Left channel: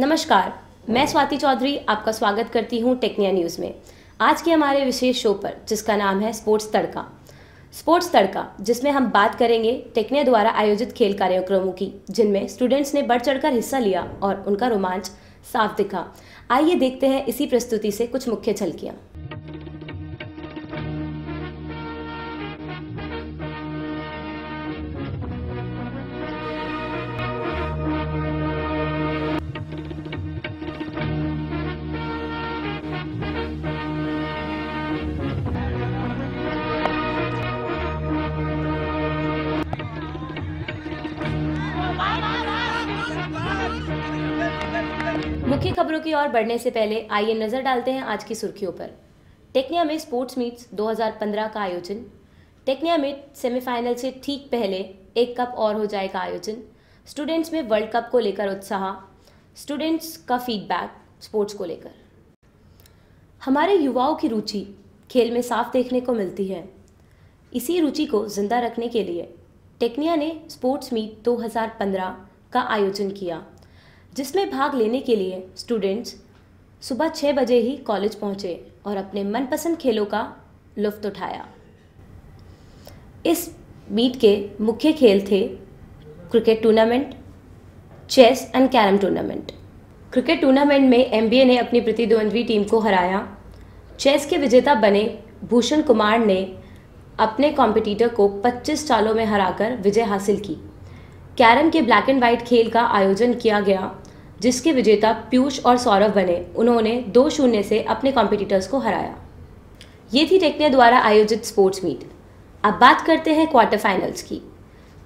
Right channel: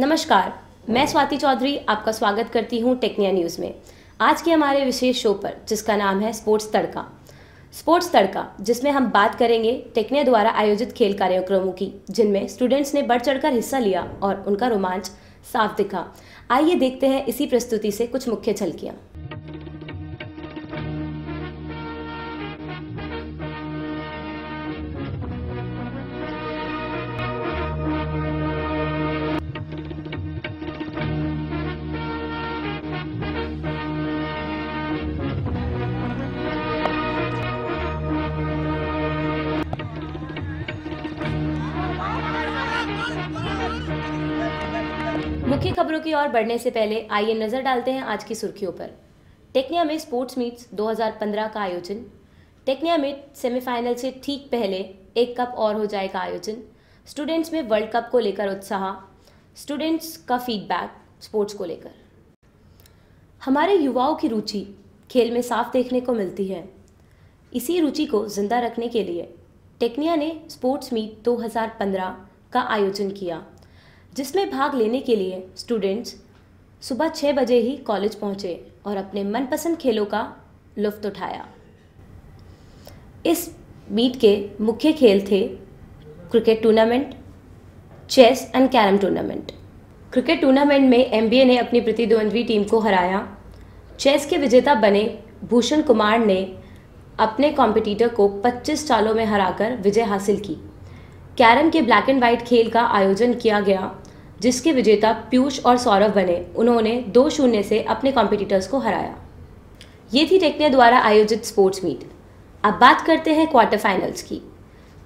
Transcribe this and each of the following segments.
नमस्कार, मैं स्वाति चौधरी आपका स्वागत करती हूं टेक्निया न्यूज़ में। आज के हमारे विशेष शो पर, जिसका नाम है स्पोर्ट्स तड़का, जिसमें हम बात करेंगे टेक्निया द्वारा आयोजित खेल कार्यक्रमों की, जिनमें स्टूडेंट्स ने बढ़ चढ़कर हिस्सा लिया और उनका रोमांच साफ दिखा। आइए देखते हैं इसी प्रस्तुति से कुछ मुख्य झलकियां। मुख्य खबरों की ओर बढ़ने से पहले आइए नजर डालते हैं आज की सुर्खियों पर। टेक्निया में स्पोर्ट्स मीट्स 2015 का आयोजन। टेक्निया में सेमीफाइनल से ठीक पहले एक कप और हो जाएगा आयोजन। स्टूडेंट्स में वर्ल्ड कप को लेकर उत्साह। स्टूडेंट्स का फीडबैक स्पोर्ट्स को लेकर। हमारे युवाओं की रुचि खेल में साफ देखने को मिलती है। इसी रुचि को जिंदा रखने के लिए टेक्निया ने स्पोर्ट्स मीट 2015 का आयोजन किया, जिसमें भाग लेने के लिए स्टूडेंट्स सुबह 6 बजे ही कॉलेज पहुंचे और अपने मनपसंद खेलों का लुत्फ उठाया। इस मीट के मुख्य खेल थे cricket tournament, chess and carrom tournament. Cricket tournament में एमबीए ने अपनी प्रतिद्वंद्वी टीम को हराया। चेस के विजेता बने भूषण कुमार ने अपने कॉम्पिटिटर को 25 चालों में हराकर विजय हासिल की। कैरम के ब्लैक एंड वाइट खेल का आयोजन किया गया, जिसके विजेता पीयूष और सौरभ बने। उन्होंने 2-0 से अपने कॉम्पिटिटर्स को हराया। ये थी टेक्निया द्वारा आयोजित स्पोर्ट्स मीट। अब बात करते हैं क्वार्टर फाइनल्स की।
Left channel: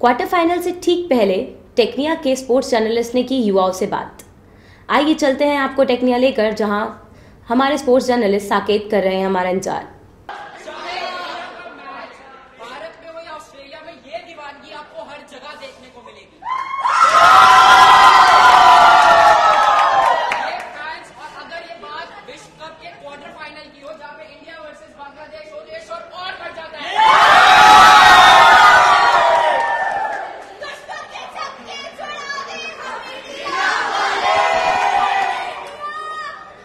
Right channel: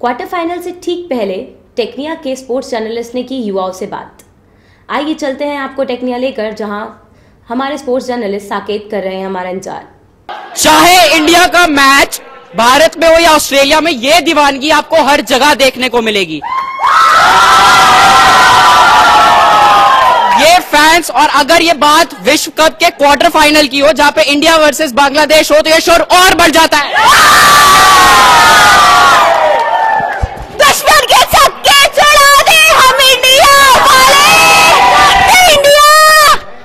क्वार्टर फाइनल से ठीक पहले टेक्निया के स्पोर्ट्स जर्नलिस्ट ने की युवाओं से बात। आइए चलते हैं आपको टेक्निया लेकर, जहां हमारे स्पोर्ट्स जर्नलिस्ट साकेत कर रहे हैं हमारा इंतजार। चाहे इंडिया का मैच भारत में हो या ऑस्ट्रेलिया में, ये दीवानगी आपको हर जगह देखने को मिलेगी। ये फैंस, और अगर ये बात विश्व कप के क्वार्टर फाइनल की हो जहां पे इंडिया वर्सेस बांग्लादेश हो, तो ये शोर और बढ़ जाता है। दुश्मन के छक्के छुड़ा दे हम इंडिया वाले, इंडिया।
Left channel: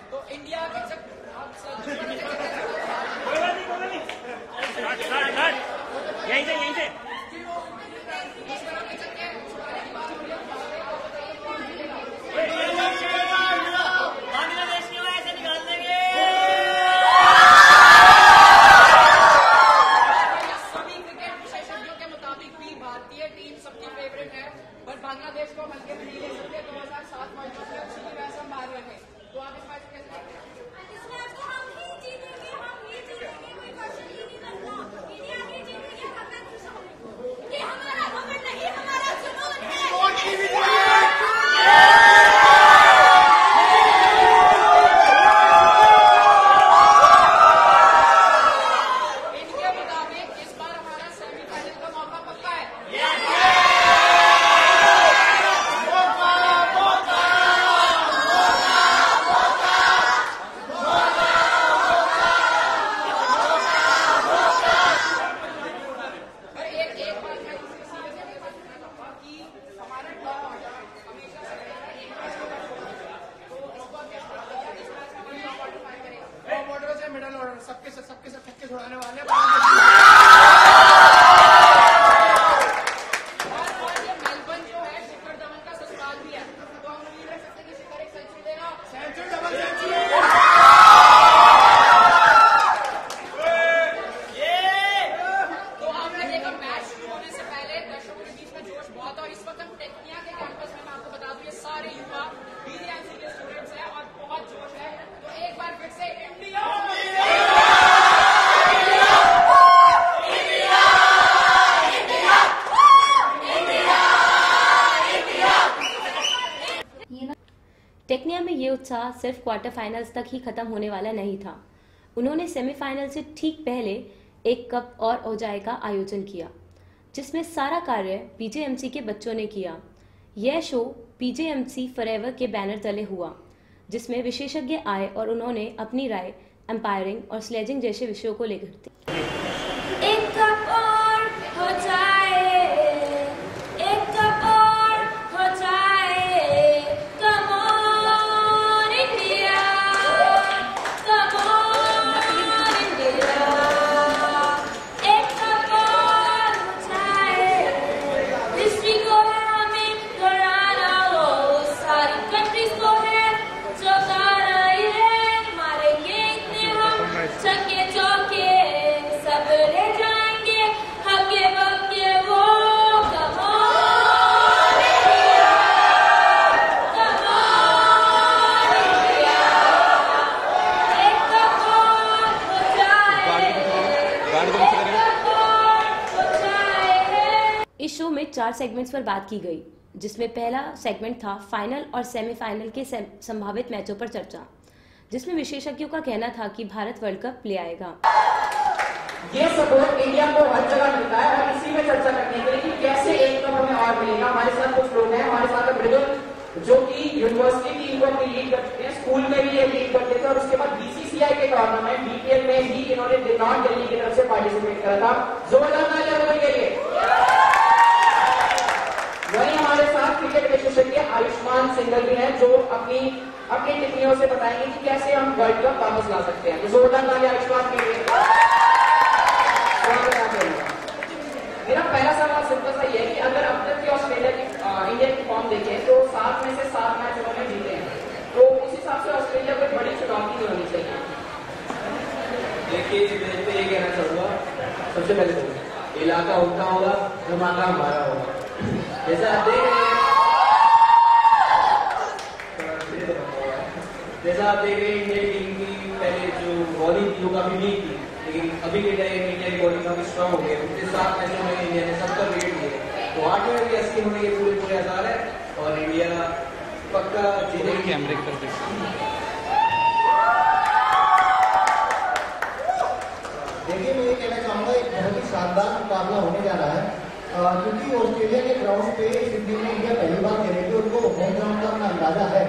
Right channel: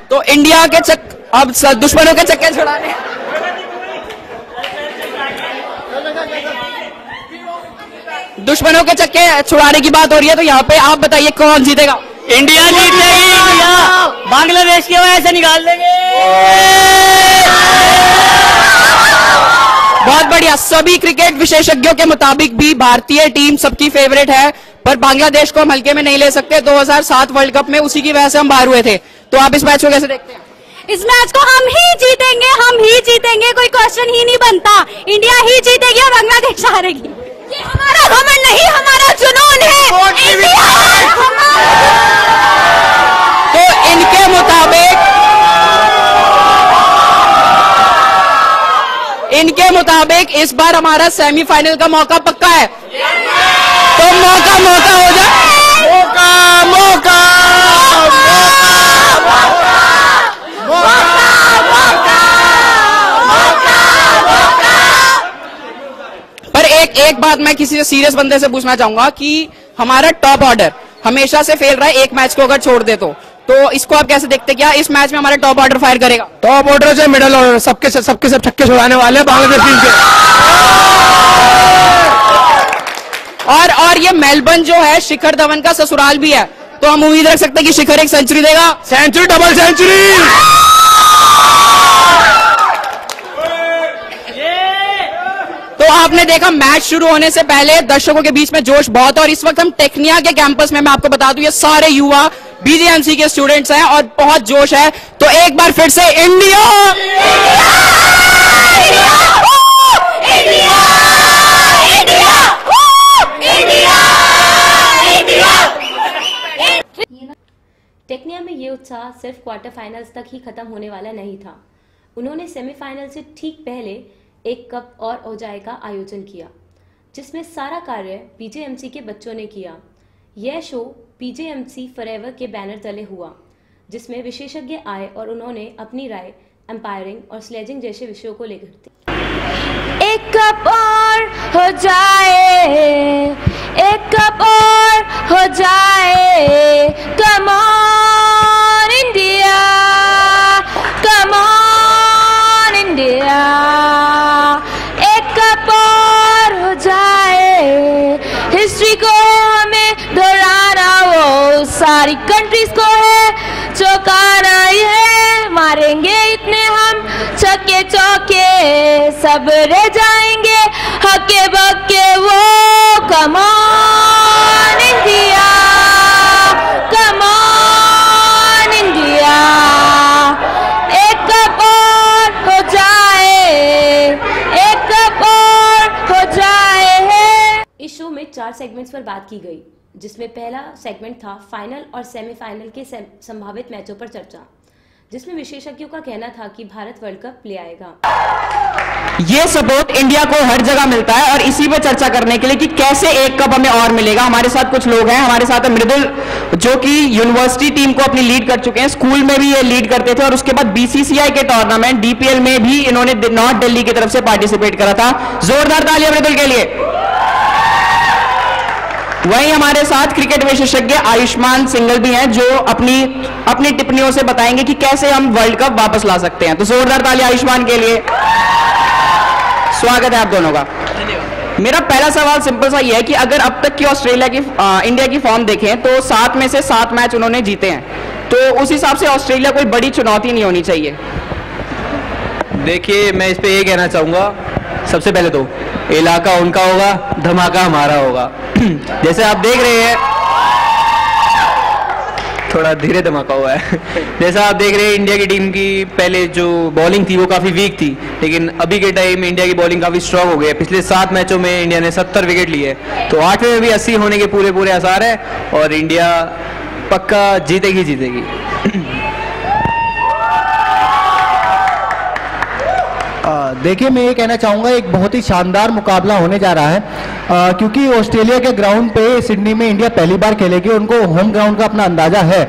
तो इंडिया के अब दुश्मनों के छक्के छुड़ाने, दुश्मनों के चक्के छुड़ाने की बात हो रही है। तो यहाँ पे आप बताइए कौन जीतेगा? इंडिया जीत लेगी। बांग्लादेश की वजह से निकाल देंगे। बहुत बढ़िया। सभी क्रिकेट विशेषज्ञों के मुताबिक भी भारतीय टीम सबकी फेवरेट है, पर बांग्लादेश को हम हल्के में नहीं ले सकते। 2007 वर्ल्ड कप में उसी की वजह से हम बाहर हुए थे। तो आप इस मैच को कैसे देखते हैं? इस मैच को हम ही जीतेंगे, कोई क्वेश्चन ही नहीं बनता। इंडिया ही जीतेगी और बांग्लादेश हारेगी। ये हमारा घमंड नहीं, हमारा जुनून है। तो इनके मुताबिक इस बार हमारा सेमीफाइनल का मौका पक्का है। तो मौका हो जाए। एक बात मैं किसी सीरियस बंदे से पूछना चाहूंगा कि हमारा टॉप ऑर्डर हमेशा से फेल रहा है, एक मैच को अगर छोड़ दे तो इसको आप कैसे देखते? क्या इस मैच में हमारा टॉप ऑर्डर फायर करेगा? टॉप ऑर्डर से मिडिल ऑर्डर सबके सब छक्के छुड़ाने वाले बांग्लादेश टीम के। और ये मेलबर्न जो है शिखर धवन का ससुराल भी है, तो हम उम्मीद रख सकते हैं कि शिखर एक सेंचुरी देगा। Century, double century. तो आपने देखा मैच शुरू होने से पहले दर्शकों के बीच में जोश बहुत है, और इस वक्त हम टेक्निया के कैंपस में, मैं आपको बता दूं, ये सारे युवा बीजेएमसी के स्टूडेंट्स हैं और बहुत जोश है। तो एक बार फिर से इंडिया, टेक्निया में ये उत्साह सिर्फ क्वार्टर फाइनल्स तक ही खत्म होने वाला नहीं था। उन्होंने सेमीफाइनल से ठीक पहले एक कप और हो जाएगा आयोजन किया, जिसमें सारा कार्य पीजेएमसी के बच्चों ने किया। यह शो पीजेएमसी फॉरएवर के बैनर तले हुआ, जिसमें विशेषज्ञ आए और उन्होंने अपनी राय एम्पायरिंग और स्लेजिंग जैसे विषयों को लेकर दी। एक कप और हो जाए, एक कप और हो जाए, कम ऑन हिस्ट्री को है हमें दोहराना, वो सारी कंट्रीज को है चौंकाना, है मारेंगे इतने हम छक्के चौके सब रह जाएंगे हक्के बक्के वो। Come on India, come on India, एक कप और हो जाए, एक कप और हो जाए। इस शो में 4 सेगमेंट्स पर बात की गई, जिसमें पहला सेगमेंट था फाइनल और सेमीफाइनल के संभावित मैचों पर चर्चा, जिसमें विशेषज्ञों का कहना था कि भारत वर्ल्ड कप ले आएगा। ये सपोर्ट इंडिया को हर जगह मिलता है और इसी पे चर्चा करने के लिए कि कैसे एक कप हमें और मिलेगा, हमारे साथ कुछ लोग हैं। हमारे साथ है मृदुल, जो कि यूनिवर्सिटी टीम को अपनी लीड कर चुके हैं, स्कूल में भी ये लीड करते थे और उसके बाद बीसीसीआई के टूर्नामेंट DPL में भी इन्होंने नॉर्थ दिल्ली की तरफ से पार्टिसिपेट करा था। जोरदार तालियां मृदुल के लिए। वहीं हमारे साथ क्रिकेट विशेषज्ञ आयुष्मान सिंघल भी हैं, जो अपनी टिप्पणियों से बताएंगे कि कैसे हम वर्ल्ड कप वापस ला सकते हैं। तो जोरदार तालियां आयुष्मान के लिए। स्वागत है आप दोनों का। मेरा पहला सवाल सिंपल सा ये है कि अगर अब तक की इंडिया की फॉर्म देखें तो 7 में से 7 मैच उन्होंने जीते हैं, तो उस हिसाब से ऑस्ट्रेलिया कोई बड़ी चुनौती नहीं होनी चाहिए। देखिए, मैं इस पे ये कहना चाहूंगा, सबसे पहले तो इलाका उनका होगा, धमाका हमारा होगा। जैसे आप देख रहे हैं, थोड़ा धीरे धमाका हुआ है। जैसा आप देख रहे हैं, इंडिया की टीम की पहले जो बॉलिंग थी वो काफ़ी वीक थी, लेकिन अभी के टाइम इंडिया की बॉलिंग काफ़ी स्ट्रांग हो गई है। पिछले 7 मैचों में इंडिया ने 70 विकेट लिए, तो 8वें में भी 80 होने के पूरे आसार है और इंडिया पक्का जीतेगी जीतेगी। देखिए, मैं ये कहना चाहूँगा, एक बहुत ही शानदार मुकाबला होने जा रहा है, क्योंकि ऑस्ट्रेलिया के ग्राउंड पे सिडनी में इंडिया पहली बार खेलेगी, उनको होम ग्राउंड का अपना अंदाजा है।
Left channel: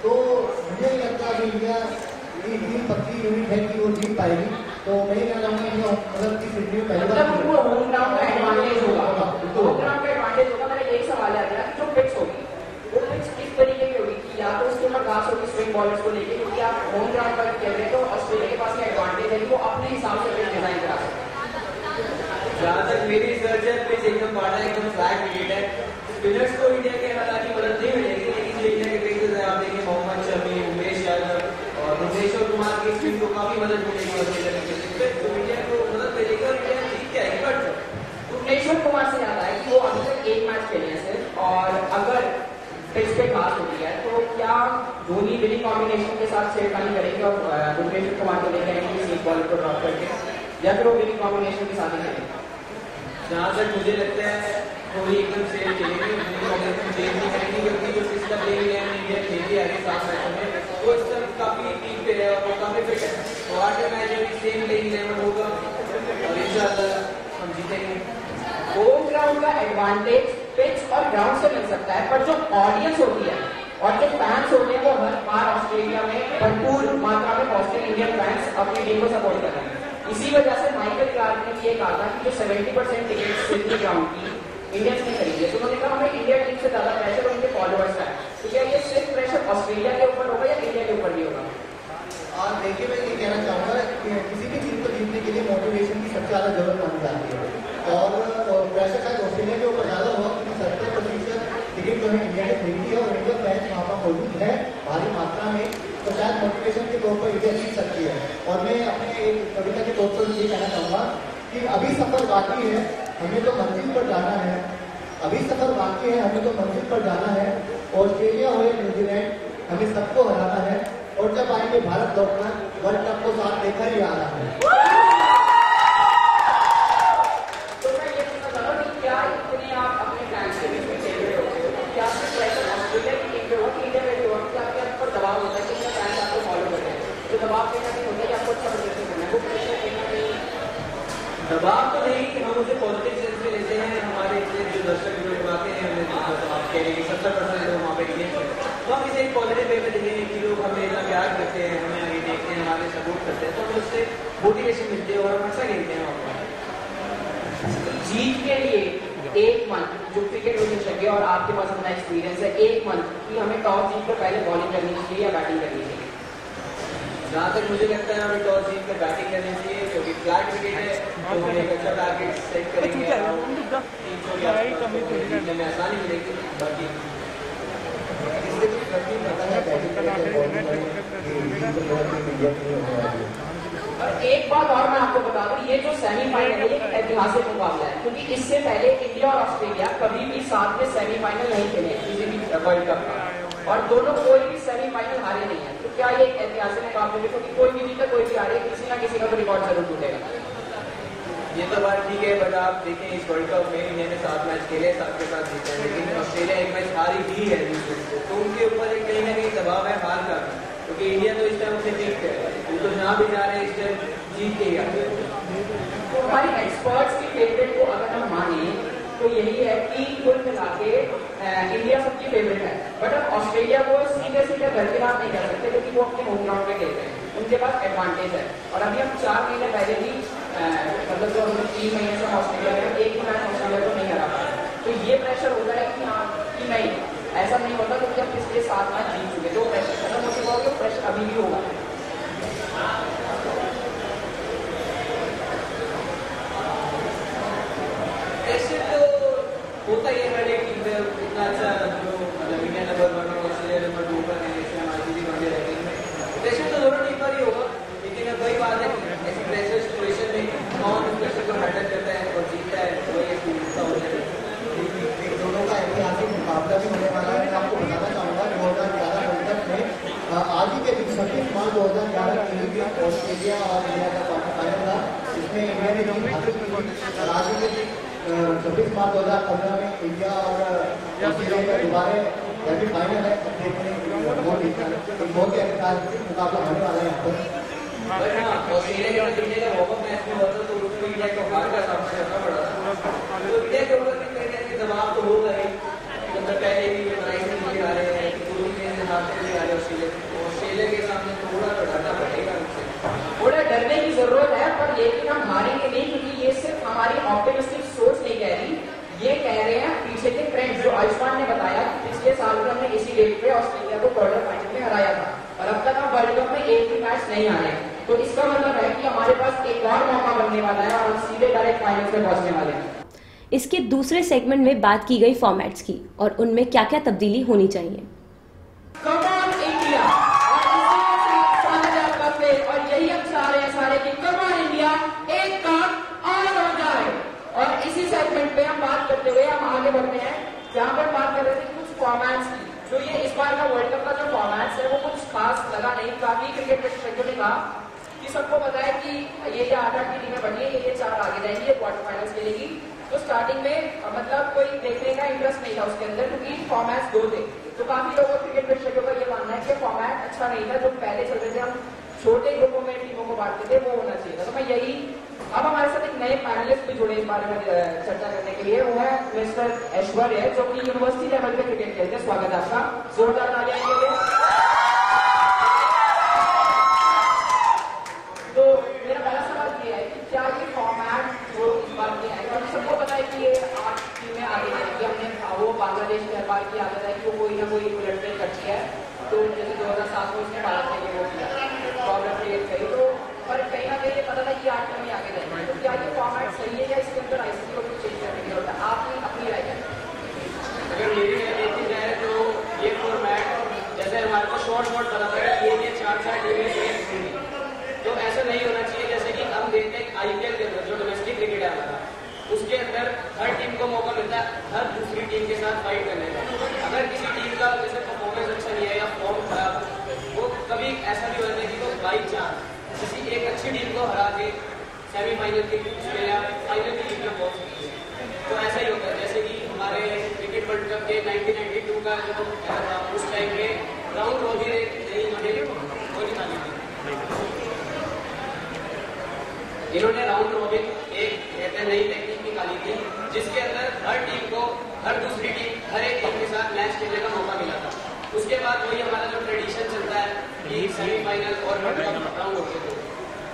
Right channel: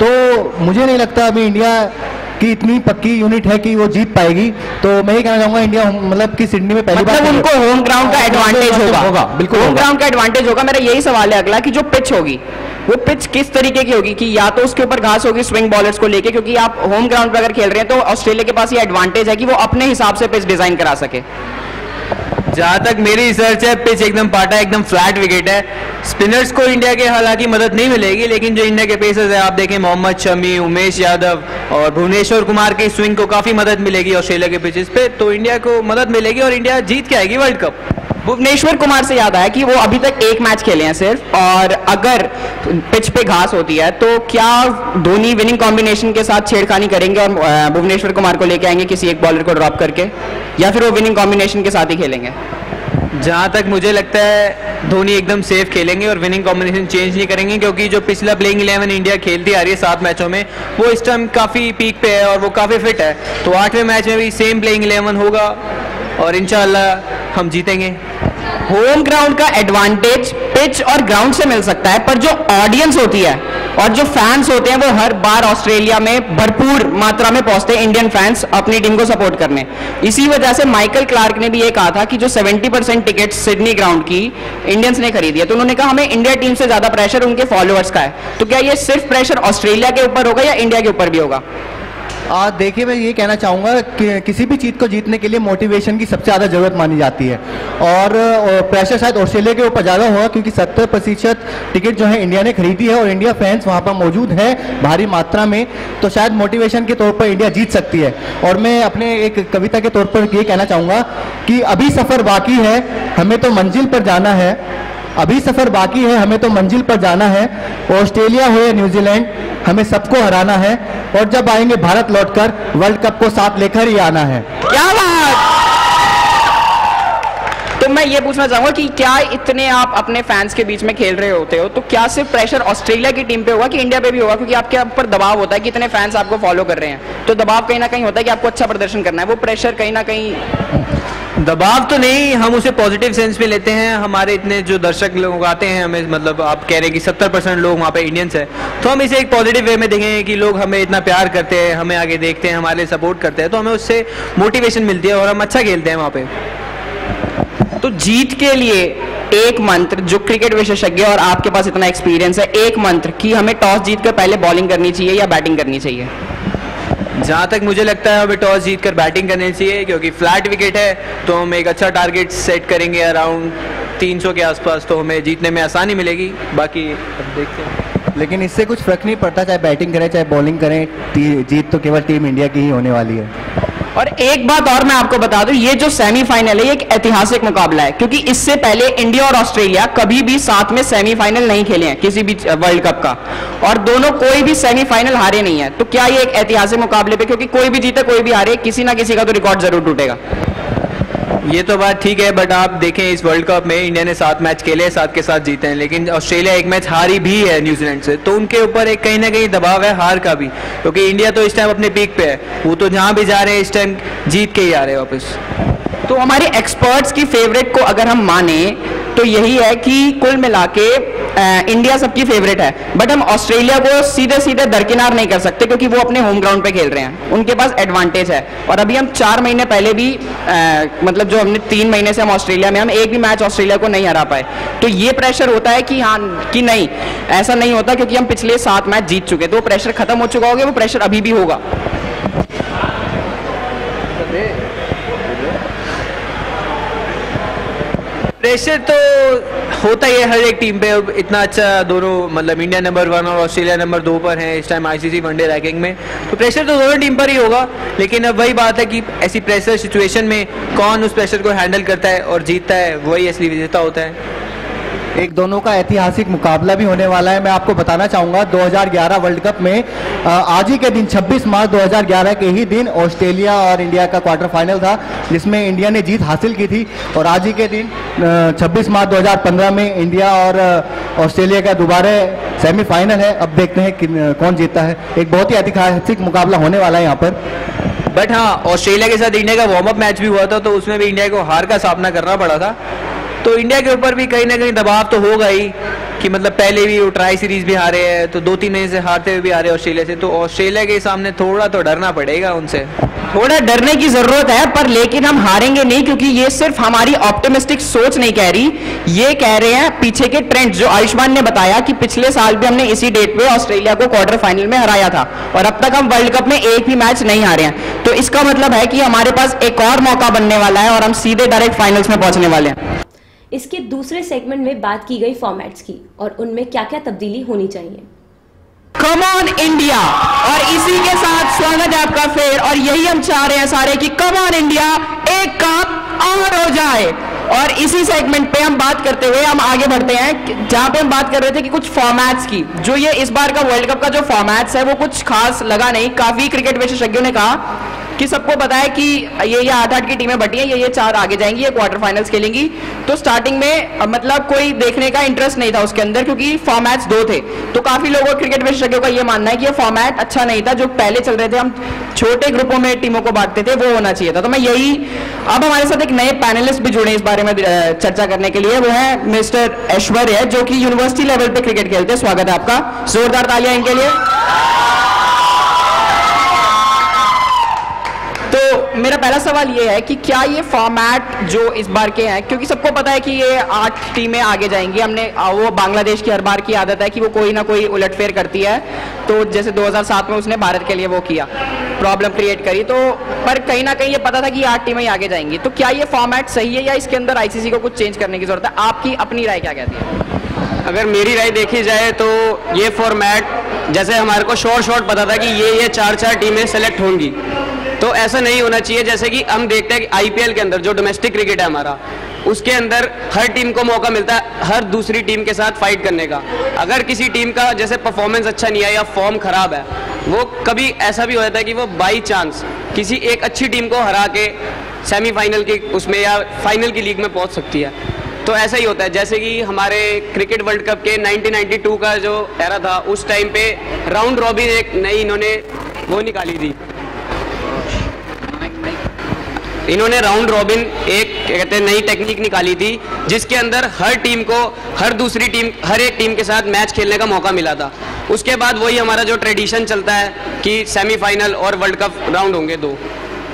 तो मुझे नहीं लगता अभी इंडिया की इतनी पक्की यूनिट है कि वो जीत पाएगी। तो मैं ये कहना चाहूँगा, इंडिया मतलब कि सिडनी में पहली बार उनको होम ग्राउंड का एडवांटेज होगा। बिल्कुल होम ग्राउंड का एडवांटेज होगा। मेरा यही सवाल है अगला कि जो पिच होगी वो पिच किस तरीके की होगी, कि या तो उसके ऊपर घास होगी स्विंग बॉलर्स को लेके, क्योंकि आप होम ग्राउंड पर अगर खेल रहे हैं तो ऑस्ट्रेलिया के पास ये एडवांटेज है कि वो अपने हिसाब से पिच डिजाइन करा सके। जहां तक मेरी रिसर्च है, पिच एकदम पाटा, एकदम फ्लैट विकेट है। स्पिनर्स को इंडिया के हालांकि मदद नहीं मिलेगी, लेकिन जो इंडिया के पेसर्स हैं, आप देखें मोहम्मद शमी, उमेश यादव और भुवनेश्वर कुमार की स्विंग को काफी मदद मिलेगी ऑस्ट्रेलिया के पिचेस पे, तो इंडिया को मदद मिलेगी और इंडिया जीत के आएगी वर्ल्ड कप। भुवनेश्वर कुमार से याद आया कि वो अभी तक 1 मैच खेले हैं सिर्फ, और अगर पिच पे घास होती है तो क्या धोनी विनिंग कॉम्बिनेशन के साथ छेड़खानी करेंगे और भुवनेश्वर कुमार को लेके आएंगे किसी एक बॉलर को ड्रॉप करके, या फिर वो विनिंग कॉम्बिनेशन के साथ ही खेलेंगे? जहां तक मुझे लगता है धोनी एकदम सेफ खेलेंगे और विनिंग कॉम्बिनेशन चेंज नहीं करेंगे, क्योंकि जो पिछला प्लेइंग 11 इंडिया खेलती आ रही है 7 मैचों में, वो इस टाइम काफ़ी पीक पे है और वो काफ़ी फिट है। तो 8वें मैच में भी सेम प्लेइंग 11 होगा और इंशाल्लाह हम जीतेंगे। होम ग्राउंड का एडवांटेज पिच और ग्राउंड से मिल सकता है, पर जो ऑडियंस होती है और जो फैंस होते हैं वो हर बार ऑस्ट्रेलिया में भरपूर मात्रा में पहुंचते हैं इंडियन फैंस अपनी टीम को सपोर्ट करने। इसी वजह से माइकल क्लार्क ने भी ये कहा था कि जो 70% टिकट सिडनी ग्राउंड की इंडियंस ने खरीदी है, तो उन्होंने कहा हमें इंडिया टीम से ज्यादा प्रेशर उनके फॉलोअर्स का है। तो क्या ये सिर्फ प्रेशर ऑस्ट्रेलिया के ऊपर होगा या इंडिया के ऊपर भी होगा? देखिए, मैं ये कहना चाहूँगा कि किसी भी चीज़ को जीतने के लिए मोटिवेशन की सबसे ज़्यादा ज़रूरत मानी जाती है, और प्रेशर शायद ऑस्ट्रेलिया के ऊपर ज़्यादा होगा, क्योंकि 70% टिकट जो है इंडिया ने खरीदी है और इंडिया फैंस वहाँ पर मौजूद है भारी मात्रा में, तो शायद मोटिवेशन के तौर पर इंडिया जीत सकती है। और मैं अपने एक कविता के तौर पर ये कहना चाहूँगा कि अभी सफ़र बाकी है, हमें तो मंजिल पर जाना है, अभी सफ़र बाकी है, हमें तो मंजिल पर जाना है, ऑस्ट्रेलिया हो या न्यूजीलैंड हमें सबको हराना है, और जब आएंगे भारत लौटकर वर्ल्ड कप को साथ लेकर ही आना है। क्या बात! तो मैं ये पूछना चाहूंगा कि क्या इतने आप अपने फैंस के बीच में खेल रहे होते हो, तो क्या सिर्फ प्रेशर ऑस्ट्रेलिया की टीम पे होगा कि इंडिया पे भी होगा? क्योंकि आपके ऊपर दबाव होता है कि इतने फैंस आपको फॉलो कर रहे हैं, तो दबाव कहीं ना कहीं होता है कि आपको अच्छा प्रदर्शन करना है, वो प्रेशर कहीं ना कहीं दबाव तो नहीं, हम उसे पॉजिटिव सेंस में लेते हैं। हमारे इतने जो दर्शक लोग आते हैं, हमें मतलब आप कह रहे हैं कि 70% लोग वहाँ पे इंडियंस हैं, तो हम इसे एक पॉजिटिव वे में देखेंगे कि लोग हमें इतना प्यार करते हैं, हमें आगे देखते हैं, हमारे सपोर्ट करते हैं, तो हमें उससे मोटिवेशन मिलती है और हम अच्छा खेलते हैं वहाँ पे। तो जीत के लिए एक मंत्र, जो क्रिकेट विशेषज्ञ और आपके पास इतना एक्सपीरियंस है, एक मंत्र कि हमें टॉस जीतकर पहले बॉलिंग करनी चाहिए या बैटिंग करनी चाहिए? जहाँ तक मुझे लगता है हमें टॉस जीतकर बैटिंग करनी चाहिए, क्योंकि फ्लैट विकेट है तो हम एक अच्छा टारगेट सेट करेंगे अराउंड 300 के आसपास, तो हमें जीतने में आसानी मिलेगी। बाकी अब देखते हैं। लेकिन इससे कुछ फर्क नहीं पड़ता, चाहे बैटिंग करें चाहे बॉलिंग करें, जीत तो केवल टीम इंडिया की ही होने वाली है। और एक बात और मैं आपको बता दूं, ये जो सेमीफाइनल है ये एक ऐतिहासिक मुकाबला है, क्योंकि इससे पहले इंडिया और ऑस्ट्रेलिया कभी भी साथ में सेमीफाइनल नहीं खेले हैं किसी भी वर्ल्ड कप का, और दोनों कोई भी सेमीफाइनल हारे नहीं है। तो क्या ये एक ऐतिहासिक मुकाबले पे, क्योंकि कोई भी जीते कोई भी हारे, किसी ना किसी का तो रिकॉर्ड जरूर टूटेगा। ये तो बात ठीक है, बट आप देखें इस वर्ल्ड कप में इंडिया ने 7 मैच खेले, 7 के 7 जीते हैं, लेकिन ऑस्ट्रेलिया 1 मैच हारी भी है न्यूजीलैंड से, तो उनके ऊपर एक कहीं ना कहीं दबाव है हार का भी, क्योंकि इंडिया तो इस टाइम अपने पीक पे है, वो तो जहां भी जा रहे हैं इस टाइम जीत के ही आ रहे हैं वापस। तो हमारे एक्सपर्ट्स की फेवरेट को अगर हम माने तो यही है कि कुल मिला के इंडिया सबकी फेवरेट है, बट हम ऑस्ट्रेलिया को सीधे सीधे दरकिनार नहीं कर सकते, क्योंकि वो अपने होम ग्राउंड पे खेल रहे हैं, उनके पास एडवांटेज है। और अभी हम 4 महीने पहले भी मतलब जो हमने 3 महीने से हम ऑस्ट्रेलिया में, हम एक भी मैच ऑस्ट्रेलिया को नहीं हरा पाए, तो ये प्रेशर होता है कि हाँ कि नहीं, ऐसा नहीं होता, क्योंकि हम पिछले 7 मैच जीत चुके, तो वो प्रेशर खत्म हो चुका होगा, वो प्रेशर अभी भी होगा। प्रेशर तो होता ही है हर एक टीम पे। अब इतना अच्छा दोनों, मतलब इंडिया नंबर 1 और ऑस्ट्रेलिया नंबर 2 पर है इस टाइम आईसीसी वनडे रैंकिंग में, तो प्रेशर तो दोनों टीम पर ही होगा। लेकिन अब वही बात है कि ऐसी प्रेशर सिचुएशन में कौन उस प्रेशर को हैंडल करता है और जीतता है, वही असली विजेता होता है। एक दोनों का ऐतिहासिक मुकाबला भी होने वाला है। मैं आपको बताना चाहूँगा 2011 वर्ल्ड कप में आज ही के दिन 26 मार्च 2011 के ही दिन ऑस्ट्रेलिया और इंडिया का क्वार्टर फाइनल था, जिसमें इंडिया ने जीत हासिल की थी। और आज ही के दिन 26 मार्च 2015 में इंडिया और ऑस्ट्रेलिया का दोबारा सेमीफाइनल है। अब देखते हैं कौन जीतता है। एक बहुत ही ऐतिहासिक मुकाबला होने वाला है यहाँ पर। बट हाँ, ऑस्ट्रेलिया के साथ इंडिया का वार्म अप मैच भी हुआ था, तो उसमें भी इंडिया को हार का सामना करना पड़ा था। तो इंडिया के ऊपर भी कहीं ना कहीं दबाव तो होगा ही कि मतलब पहले भी वो ट्राई सीरीज भी हारे हैं, तो 2-3 महीने से हारते हुए भी हारे ऑस्ट्रेलिया से, तो ऑस्ट्रेलिया के सामने थोड़ा तो डरना पड़ेगा उनसे। थोड़ा डरने की जरूरत है, पर लेकिन हम हारेंगे नहीं, क्योंकि ये सिर्फ हमारी ऑप्टिमिस्टिक सोच नहीं कह रही, ये कह रहे हैं पीछे के ट्रेंड। जो आयुष्मान ने बताया कि पिछले साल भी हमने इसी डेट पे ऑस्ट्रेलिया को क्वार्टर फाइनल में हराया था, और अब तक हम वर्ल्ड कप में एक भी मैच नहीं हारे हैं। तो इसका मतलब है कि हमारे पास एक और मौका बनने वाला है और हम सीधे डायरेक्ट फाइनल्स में पहुंचने वाले हैं। इसके दूसरे सेगमेंट में बात की गई फॉर्मेट्स की और उनमें क्या क्या तब्दीली होनी चाहिए। कम ऑन इंडिया, और इसी के साथ स्वागत है आपका फिर, और यही हम चाह रहे हैं सारे कि कम ऑन इंडिया, एक कप और हो जाए। और इसी सेगमेंट पे हम बात करते हुए हम आगे बढ़ते हैं, जहां पे हम बात कर रहे थे कि कुछ फॉर्मेट्स की। जो ये इस बार का वर्ल्ड कप का जो फॉर्मेट्स है वो कुछ खास लगा नहीं। काफी क्रिकेट विशेषज्ञों ने कहा कि सबको पता है कि ये 8-8 की टीमें बटी हैं, ये 4 आगे जाएंगी, ये क्वार्टर फाइनल्स खेलेंगी। तो स्टार्टिंग में मतलब कोई देखने का इंटरेस्ट नहीं था उसके अंदर, क्योंकि फॉर्मेट्स 2 थे। तो काफी लोगों, क्रिकेट विशेषज्ञों का ये मानना है कि ये फॉर्मेट अच्छा नहीं था। जो पहले चल रहे थे, हम छोटे ग्रुपों में टीमों को बांटते थे, वो होना चाहिए था। तो मैं यही, अब हमारे साथ एक नए पैनलिस्ट भी जुड़े इस बारे में चर्चा करने के लिए, वो है मिस्टर ऐश्वर्य, जो कि यूनिवर्सिटी लेवल पे क्रिकेट खेलते हैं। स्वागत है आपका, जोरदार तालियां इनके लिए। तो मेरा पहला सवाल ये है कि क्या ये फॉर्मेट जो इस बार के हैं, क्योंकि सबको पता है कि ये 8 टीमें आगे जाएंगी, हमने वो बांग्लादेश की हर बार की आदत है कि वो कोई ना कोई उलटफेर करती है। तो जैसे 2007 में उसने भारत के लिए वो किया, प्रॉब्लम क्रिएट करी, तो पर कहीं ना कहीं ये पता था कि 8 टीमें ही आगे जाएंगी। तो क्या ये फॉर्मेट सही है या इसके अंदर आईसीसी को कुछ चेंज करने की जरूरत है? आपकी अपनी राय क्या कहती है? अगर मेरी राय देखी जाए तो ये फॉर्मेट, जैसे हमारे को शॉर्ट पता था कि ये 4 टीमें सेलेक्ट होंगी, तो ऐसा नहीं होना चाहिए। जैसे कि हम देखते हैं कि आईपीएल के अंदर जो डोमेस्टिक क्रिकेट है हमारा, उसके अंदर हर टीम को मौका मिलता है हर दूसरी टीम के साथ फाइट करने का। अगर किसी टीम का जैसे परफॉर्मेंस अच्छा नहीं है या फॉर्म खराब है, वो कभी ऐसा भी हो जाता है कि वो बाई चांस किसी एक अच्छी टीम को हरा के सेमीफाइनल की उसमें या फाइनल की लीग में पहुंच सकती है। तो ऐसा ही होता है। जैसे कि हमारे क्रिकेट वर्ल्ड कप के 1992 का जो एरा था, उस टाइम पे राउंड रॉबिन एक नई इन्होंने वो निकाली थी, इन्होंने राउंड रॉबिन एक कहते हैं नई टेक्निक निकाली थी, जिसके अंदर हर टीम को हर दूसरी टीम, हर एक टीम के साथ मैच खेलने का मौका मिला था। उसके बाद वही हमारा जो ट्रेडिशन चलता है कि सेमीफाइनल और वर्ल्ड कप राउंड होंगे 2।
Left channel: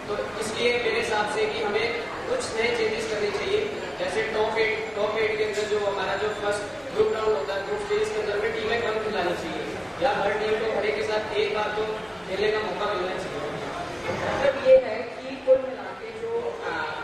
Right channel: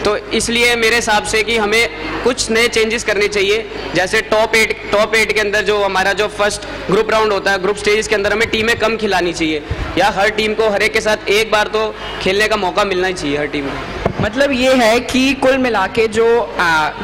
तो इसलिए मेरे हिसाब से कि हमें कुछ नए चेंजेस करने चाहिए। जैसे टॉप 8 के अंदर जो हमारा जो फर्स्ट ग्रुप राउंड होता है, ग्रुप स्टेज के अंदर हमें टीमें कम खिलानी चाहिए, या हर टीम को हर एक के साथ एक बार तो खेलने का मौका मिलना ही चाहिए हर टीम को। मतलब ये है कि कुल मिला के जो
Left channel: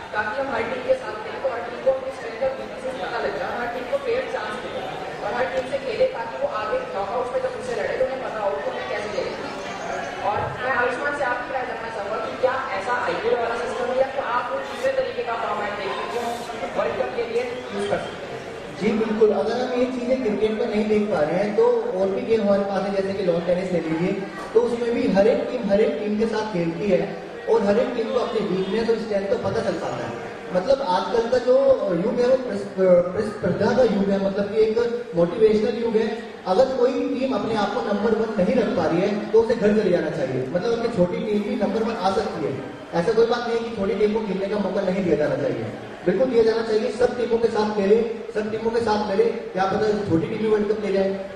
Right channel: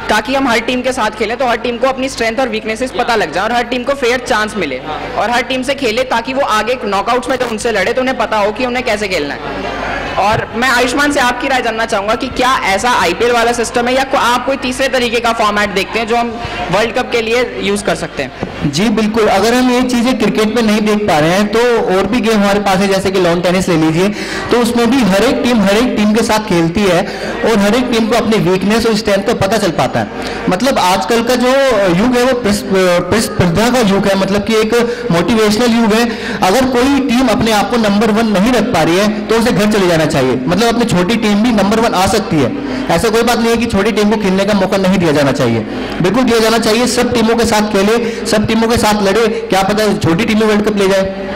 ताकि हम हर टीम के साथ खेलें तो हर टीम को अपनी स्ट्रेंथ और वीकनेसेस पता लग जाए और हर टीम को फेयर चांस मिले और हर टीम से खेले ताकि वो आगे नॉकआउट्स में जब उनसे लड़े तो उन्हें पता हो कि उन्हें कैसे खेलना है। और मैं आयुष्मान से आपकी राय जानना चाहूंगा कि क्या ऐसा आईपीएल वाला सिस्टम है या आप कोई तीसरे तरीके का फॉर्मेट देखते हैं जो हम वर्ल्ड कप के लिए यूज कर सकते हैं? जी बिल्कुल, अगर हम ये चीजें क्रिकेट में नहीं देख पा रहे हैं तो और भी गेम हमारे पास है, जैसे कि लॉन टेनिस ले लीजिए, तो उसमें भी हर एक टीम के साथ खेलती है और हर एक टीम को अपनी वीकनेस और स्ट्रेंथ का पता चल पाता है। मतलब आजकल का जो युग है वो प्रतिस्पर्धा का युग है, मतलब कि एक मोटिवेशनल युग है। अगर कोई टीम अपने आप को नंबर 1 नहीं रख पा रही है तो उसे घर चले जाना चाहिए। मतलब अपनी छोटी टीम भी नंबर 1 आ सकती है, ऐसा कोई बात नहीं है कि छोटी टीम को खेलने का मौका नहीं दिया जाना चाहिए, बिल्कुल दिया जाना चाहिए। सब टीमों के साथ खेले, सब टीमों के साथ लड़े, क्या पता छोटी टीमें वर्ल्ड कप ले जाए।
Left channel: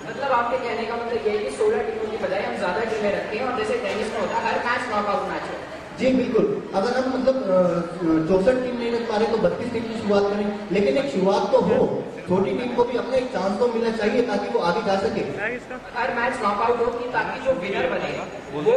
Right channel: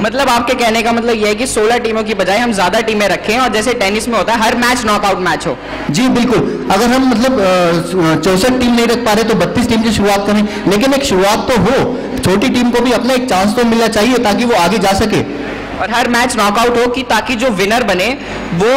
मतलब आपके कहने का मतलब यह है कि 16 टीमों की बजाय हम ज्यादा टीमें रखें और जैसे टेनिस में होता है हर मैच नॉकआउट मैच हो। जी बिल्कुल, अगर हम मतलब 64 टीम नहीं रख पा रहे तो 32 टीम की शुरुआत करें, लेकिन एक शुरुआत तो हो, छोटी टीम को भी अपना एक चांस तो मिलना चाहिए ताकि वो आगे जा सके और हर मैच नॉकआउट हो कि ताकि जो विनर बने वो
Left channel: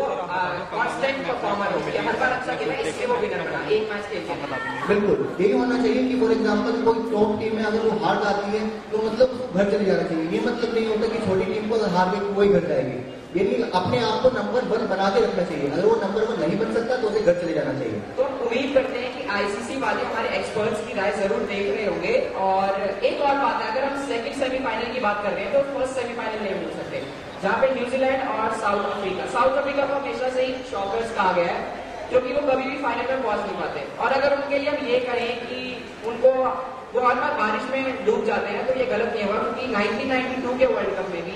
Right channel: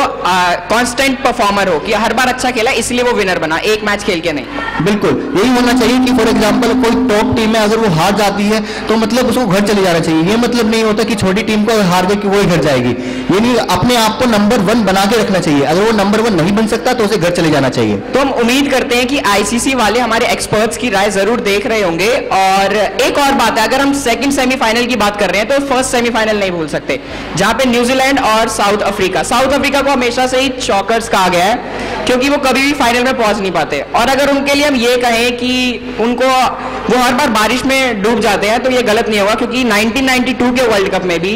कांस्टेंट परफॉर्मर हो कि हर बार अच्छा खेला इसलिए वो विनर बना, एक मैच खेल के नहीं। बिल्कुल यही होना चाहिए कि फॉर एग्जांपल कोई टॉप टीम है, अगर वो हार जाती है तो मतलब उसको घर चले जाना चाहिए। ये मतलब नहीं होता कि छोटी टीम को हार गई कि वो ही घर जाएगी, ये नहीं, अपने आप को नंबर 1 बना के रखना चाहिए। अगर वो नंबर 1 नहीं बन सकता तो उसे घर चले जाना चाहिए। तो हम उम्मीद करते हैं कि आईसीसी वाले हमारे एक्सपर्ट्स की राय जरूर देख रहे होंगे। और एक और बात है, अगर हम सेकंड सेमीफाइनल की बात कर रहे हैं तो फर्स्ट सेमीफाइनल नहीं भूल सकते जहां पे न्यूजीलैंड और साउथ अफ्रीका को हमेशा से ही चॉकर्स कहा गया है क्योंकि वो कभी भी फाइनल में पहुंच नहीं पाते। और अगर उनके लिए हम ये कहें कि उनको वो हर बार बारिश में डूब जाते हैं तो ये गलत नहीं होगा, क्योंकि 1992 के वर्ल्ड कप में भी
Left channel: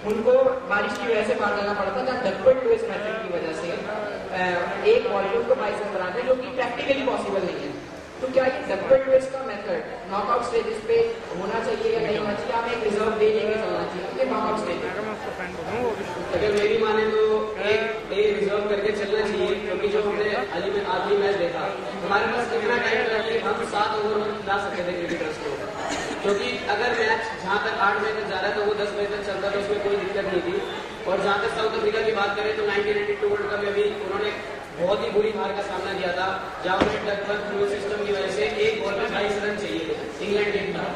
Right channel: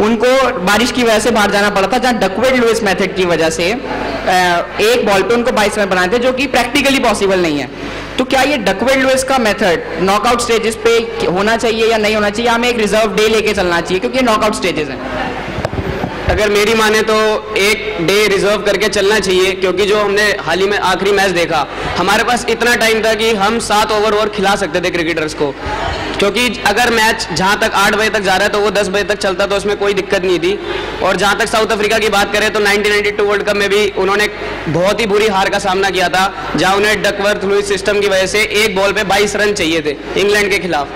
उनको बारिश की वजह से बाहर जाना पड़ा था, जहां डकवर्थ लुईस मेथड की वजह से एक बॉल पे उनको 22 रन बनाए थे, जो कि प्रैक्टिकली पॉसिबल नहीं है। तो क्या ये डकवर्थ लुईस का मेथड नॉकआउट स्टेजेस पे होना चाहिए या नहीं होना चाहिए? हमें एक रिजर्व डे लेके चलना चाहिए क्योंकि नॉकआउट स्टेजेस हैं। अगर मेरी माने तो एक डे रिजर्व करके चलना चाहिए, क्योंकि जो हमने हाल ही में आखिरी मैच देखा, हमारे पास इतना टाइम था कि हम 7 ओवर और खिला सकते थे क्रिकेटर्स को, क्योंकि अगर मैच जहां तक 8 बजे तक जा रहा है तो वो 10 बजे तक चलता, तो उसमें कोई दिक्कत नहीं थी। और जहां तक साउथ अफ्रीका की बात करें तो 1992 वर्ल्ड कप में भी उन्होंने बहुत ही बुरी हार का सामना किया था, जहां उन्हें डकवर्थ लुईस सिस्टम की वजह से एक बॉल पे 22 रन चाहिए थे इंग्लैंड के खिलाफ।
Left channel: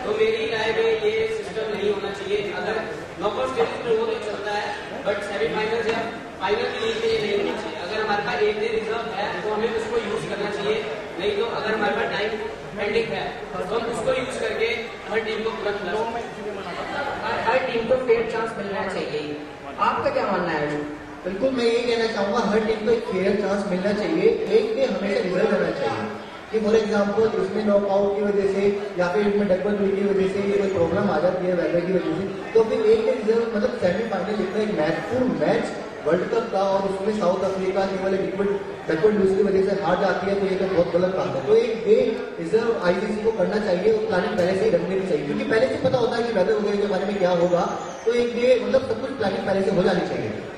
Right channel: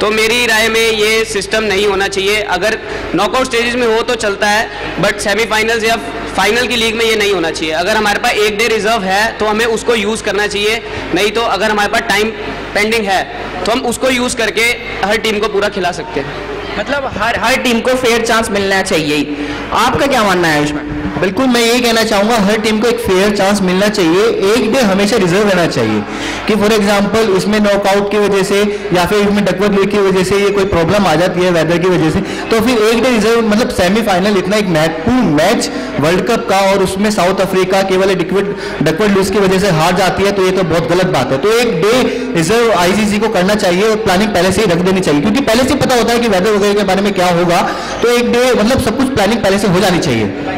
तो मेरी राय में ये सिस्टम नहीं होना चाहिए। अगर नॉकआउट स्टेजेस में हो तो चलता है, बट सेमीफाइनल्स या फाइनल की लीग में ये नहीं होना चाहिए। अगर हमारे पास एक डे रिजर्व है तो हमें उसको यूज करना चाहिए, नहीं तो अगर हमारे पास टाइम पेंडिंग है तो हम उसको यूज करके हर टीम को पूरा खिला सकते हैं। मतलब हर टीम को फेयर चांस मिलना चाहिए। आपका क्या मानना है इसमें? बिल्कुल, मैं यही कहना चाहूंगा, हर टीम को एक फेयर चांस मिलना चाहिए, एक डे हमेशा रिजर्व रहना चाहिए कि फॉर एग्जांपल इसमें नॉकआउट की वजह से या फिर इसमें डकवर्थ लुईस की वजह से ये कोई प्रॉब्लम आ जाती है वेदर की वजह से, तो फिर एक डे रिजर्व, मतलब सेमीफाइनल इतना एक महत्वपूर्ण मैच वर्ल्ड कप का और उसमें साउथ अफ्रीका केवल डकवर्थ लुईस की वजह से हार जाती है तो ये तो बहुत गलत बात है। तो एक डे रिजर्व आईसीसी को करना चाहिए और प्लानिंग पहले से ही रख देनी चाहिए, क्योंकि पहले से पता होता है कि वेदर वगैरह के बारे में क्या होगा, तो एक डे मतलब सब कुछ प्लानिंग पहले से हो जानी चाहिए।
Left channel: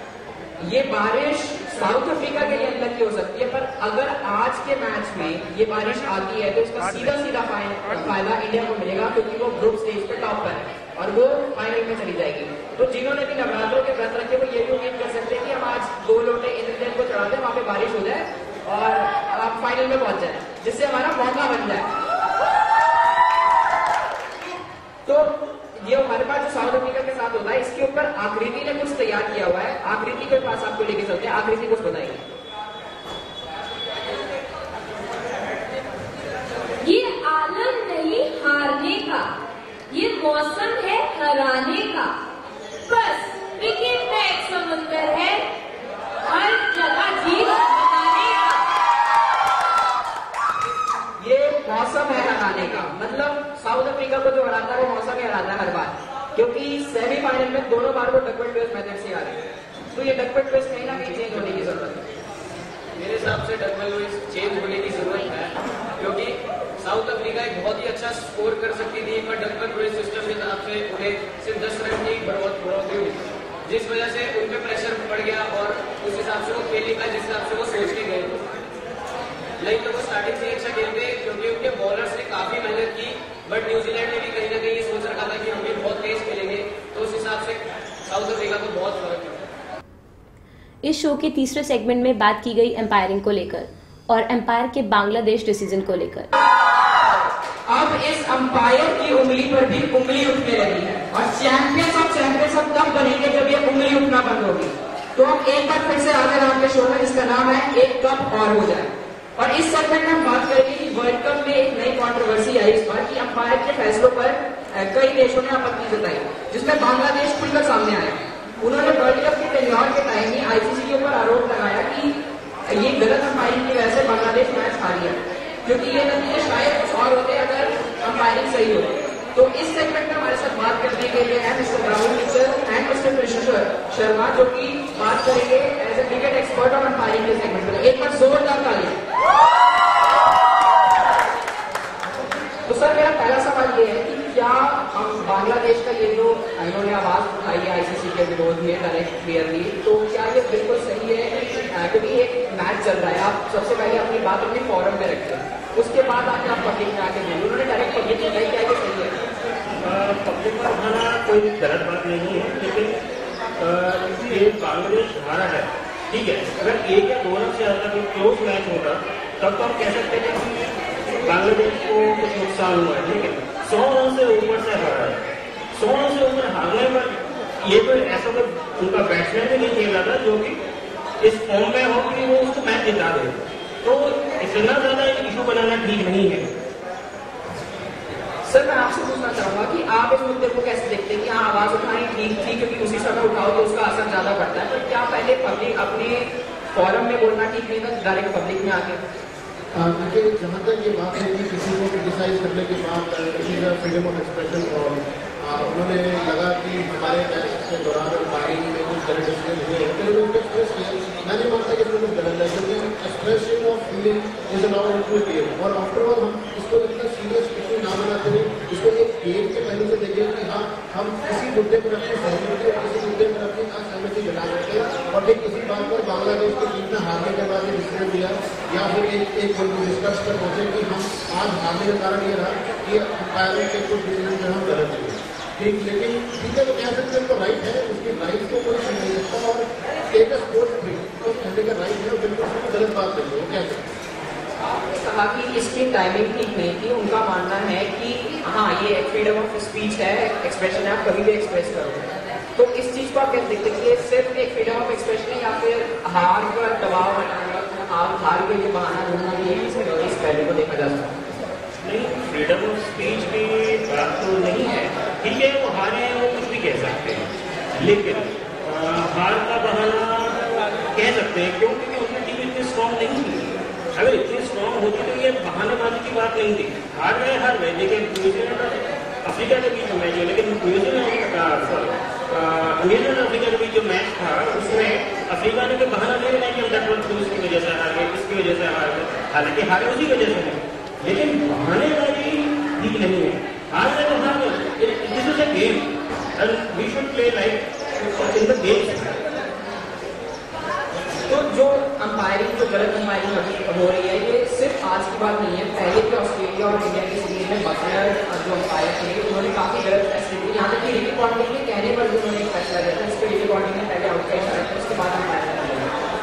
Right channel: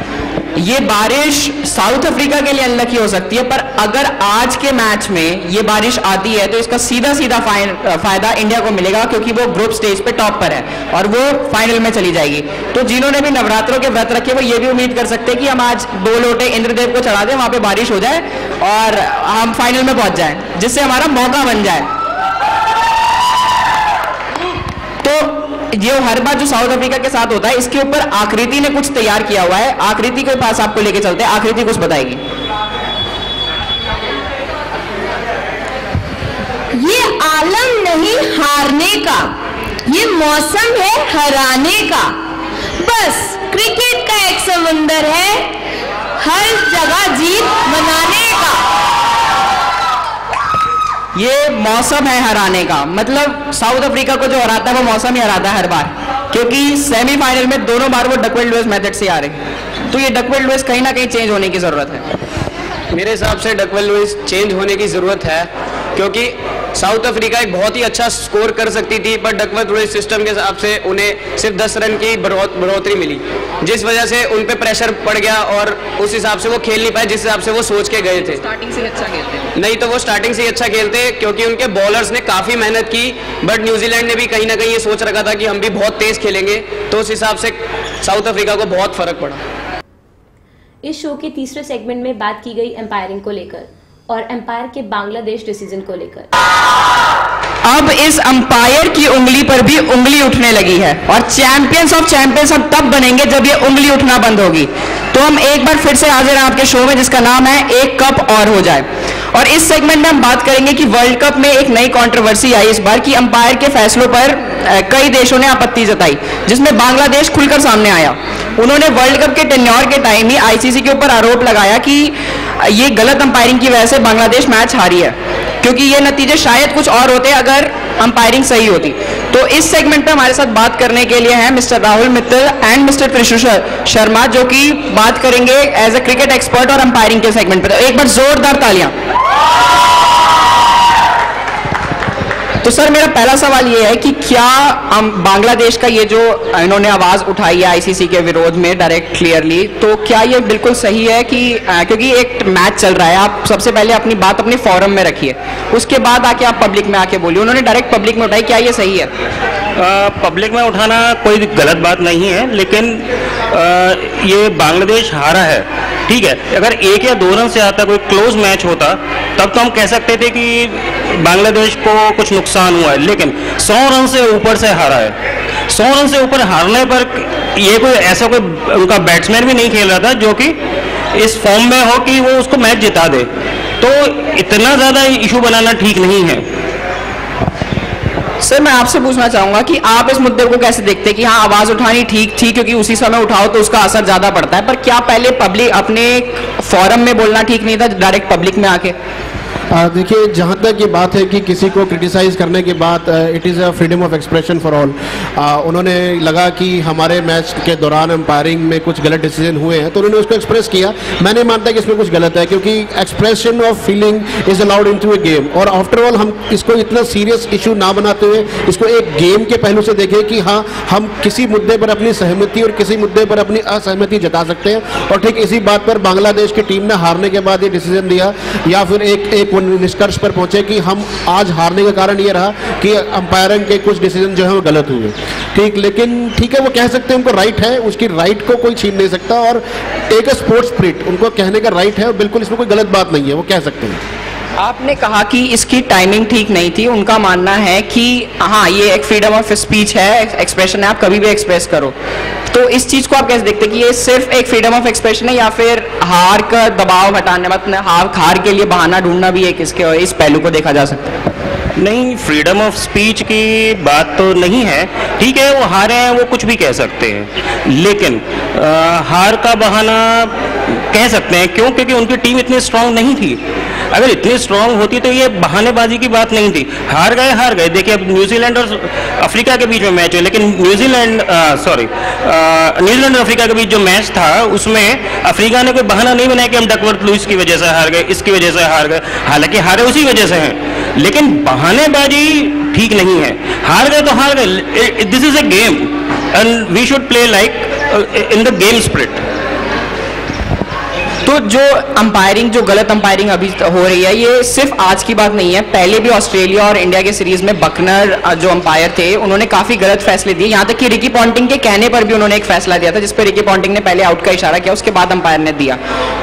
ये बारिश साउथ अफ्रीका के लिए अनलकी हो सकती है, पर अगर आज के मैच में ये बारिश आती है तो इसका सीधा फायदा इंडिया को मिलेगा, क्योंकि वो ग्रुप स्टेज पे टॉप पर है और वो फाइनल में चली जाएगी। तो जिन्होंने भी नवरात्रों के व्रत रखे वो ये भी उम्मीद कर सकते हैं कि हम आज 2 लोटे इंद्रदेव को चढ़ा दें, वहां पे बारिश हो जाए और हम फाइनल में पहुंच जाए, जिससे हमारा मौका बन जाए। तो ये हर बार जो साउथ अफ्रीका के साथ होता है, इसके ऊपर आकृति ने कुछ तैयार किया हुआ है। आकृति के पास आपको लेके चलते हैं, आकृति कुछ बताएगी। ये आलम नहीं हारने का, ये मौसम है हराने का, बस क्रिकेट का एक समुंदर है हर जगह जीत मनाने का। ये मौसम है हराने का, मतलब साउथ अफ्रीका को जो हराता है वो मौसम ही हराता है हर बार, क्योंकि सेमीफाइनल में दोनों बार वो डकवर्थ लुईस मेथड से आ रहे। तो ये डकवर्थ लुईस कहीं ना कहीं चेंज होने की जरूरत है। मेरे हिसाब से डकवर्थ लुईस चेंज होने की जरूरत है, क्योंकि साउथ अफ्रीका एक बहुत ही अच्छा स्कोर कर सकती थी, पर डकवर्थ लुईस सिस्टम के हिसाब से उन्हें सिर्फ 10 रन की बढ़ोतरी मिली, जिस वजह से उन पे प्रेशर पड़ गया और उस हिसाब से वो खेल नहीं पाए जिस हिसाब से वो सोच के गए थे। स्टार्टिंग से अच्छा खेलते, नहीं तो वो स्टार्टिंग से ही अच्छा खेलते, क्योंकि उनके बॉलर्स ने काफी मेहनत की, बट न्यूजीलैंड ने भी कहीं ना कहीं ये सोच रखा था कि हम भी बहुत तेज खेलेंगे, तो उस हिसाब से साउथ अफ्रीका को बहुत फर्क पड़ा। इस शो के तीसरे सेगमेंट में बात की गई एम्पायरिंग को लेकर और एम्पायर के बांग्लादेश डिसीजन को लेकर। अब इस अंपायर की उंगली पर भी उंगली उठने लगी है और चैंपियंस ऑफ चैंपियंस हम तब बनेंगे जब ये उंगली उठना बंद होगी। तो हम एक बार फिर से हाजिर हैं आपके शो में जिसका नाम है एक कप और हो जाए। और इस सेगमेंट में हम बात करेंगे कि वर्ल्ड कप में एक नई कंट्रोवर्सी आई इस बार कि अंपायर के फैसलों पर कई देशों ने आपत्ति जताई, जिसमें बांग्लादेश खुलकर सामने आया। उन्होंने वर्ल्ड कप के टेन्योर के टाइम ही आईसीसी के ऊपर आरोप लगाया कि ये गलत अंपायरिंग की वजह से बांग्लादेश मैच हारी है, क्योंकि ये नतीजे शायद कुछ और होते अगर अंपायरिंग सही होती। तो इस सेगमेंट पे हमारे साथ बात करने के लिए हैं mister Rahul Mittal and mister Thrissur Sharma, जो कि बात करेंगे एज अ क्रिकेट एक्सपर्ट और अंपायरिंग के सेगमेंट पे। तो एक बार जोरदार तालियां। तो सर, मेरा पहला सवाल ये है कि क्या बांग्लादेश का ये जो इन्होंने आवाज उठाई है आईसीसी के विरोध में डायरेक्ट क्लियरली, तो क्या ये बिल्कुल सही है कि क्योंकि एक मैच चल रहा है, आप सबसे पहले अपनी बात अपने फोरम में रखिए, उसके बाद आके आप पब्लिक में आके बोलिए। उन्होंने डायरेक्ट पब्लिक में उठाई, क्या ये सही है? पब्लिक में उठाना कोई गलत बात नहीं है, लेकिन ये बांग्लादेश हारा है, ठीक है। अगर 1 या 2 रन से आता कोई क्लोज मैच होता तब तो हम कह सकते थे कि बांग्लादेश को कुछ नुकसान हुआ है, लेकिन 100 रन से ऊपर से हारा है। 100 रन से ऊपर हारने पर ये कोई ऐसा कोई उनका बैट्समैन भी नहीं खेल रहा था जो कि इस फॉर्म में हो कि वो उसको मैच जिता दे। तो इतना ज़्यादा इशू बनाना ठीक नहीं है। सर, मैं आपसे पूछना चाहूंगा कि आप इस मुद्दे को कैसे देखते हैं कि हाँ, आवाज उठानी ठीक थी क्योंकि उसी समय उठाओ तो उसका असर ज्यादा पड़ता है, पर क्या पहले पब्लिक अपने फोरम में बोलना ठीक नहीं था डायरेक्ट पब्लिक में आके? देखिए, जहाँ तक ये बात है कि किसी को क्रिटिसाइज़ करने की बात, it is a freedom of expression for all. उन्होंने लगा कि हमारे मैच के दौरान एम्पायरिंग में कुछ गलत डिसीजन हुए हैं तो उन्होंने उसको एक्सप्रेस किया। मैं नहीं मानता कि इसमें कुछ गलत है, क्योंकि expression of feeling is allowed in to a game. और आफ्टर ऑल हम इसको इतना सीरियस इशू ना बनाते हुए इसको एक गेम के पहलू से देखें कि हाँ, हम किसी मुद्दे पर अपनी सहमति और किसी मुद्दे पर अपनी असहमति जता सकते हैं। और ठीक इसी बात पर बांग्लादेश की टीम ने हारने के बाद ये डिसीजन दिया, या फिर एक निष्कर्ष पर पहुंचे कि हम आज हारने का कारण ये रहा कि अंपायरिंग के कुछ डिसीजन जो है वो गलत हुए। ठीक, लेकिन ठीक है, वो कह सकते हैं, उनको राइट है, उसकी राइट को कोई छीन नहीं सकता। और एक स्पोर्ट्स स्पिरिट उनको कहने का राइट है, और बिल्कुल इसमें कोई गलत बात नहीं है, वो कह सकते हैं। आपने कहा कि इसकी टाइमिंग ठीक नहीं थी। उनका मानना है कि हाँ, ये एक फ्रीडम ऑफ स्पीच है, एक्सप्रेशन है, आप कभी भी एक्सप्रेस करो। तो इस चीज को आप कैसे देखते हैं कि ये सिर्फ एक फ्रीडम ऑफ एक्सप्रेशन है, या फिर हार का दबाव हटाने, मतलब हार के लिए बहाना ढूंढना भी एक इसके इस पहलू को देखा जा सकता है? नहीं, फ्रीडम ऑफ स्पीच की बात तो नहीं है। ठीक है, वो हारे हैं, वो कुछ भी कह सकते हैं, लेकिन हार का बहाना कह सकते हैं। क्यों? क्योंकि उनकी टीम इतनी स्ट्रांग नहीं थी। अगर इतनी स्ट्रांग होती तो ये बहानेबाजी की बात नहीं थी। हार गए। देखिए, अब न्यूजीलैंड और अफ्रीका के बीच में मैच है, लेकिन न्यूजीलैंड और अफ्रीका के बीच जो मैच था उसमें अफ्रीका ने कोई बहाना नहीं बनाया कि हम डकवर्थ लुईस की वजह से हार गए, इसकी वजह से हार गए। हालांकि हारे उसी वजह से हैं, लेकिन बहानेबाजी ठीक नहीं है। हार गए तो हार गए। This is a game and we should play like in the game spirit. तो जो अंपायरिंग, जो गलत अंपायरिंग अभी हो रही है, ये सिर्फ आज की बात नहीं है। पहले भी ऑस्ट्रेलिया और इंडिया के सीरीज में बकनर जो अंपायर थे, उन्होंने काफी गलत फैसले दिए। यहाँ तक कि रिकी पॉन्टिंग के कहने पर भी उन्होंने एक फैसला दिया था, जिसपे रिकी पॉन्टिंग ने पहले आउट का इशारा किया, उसके बाद अंपायर ने दिया।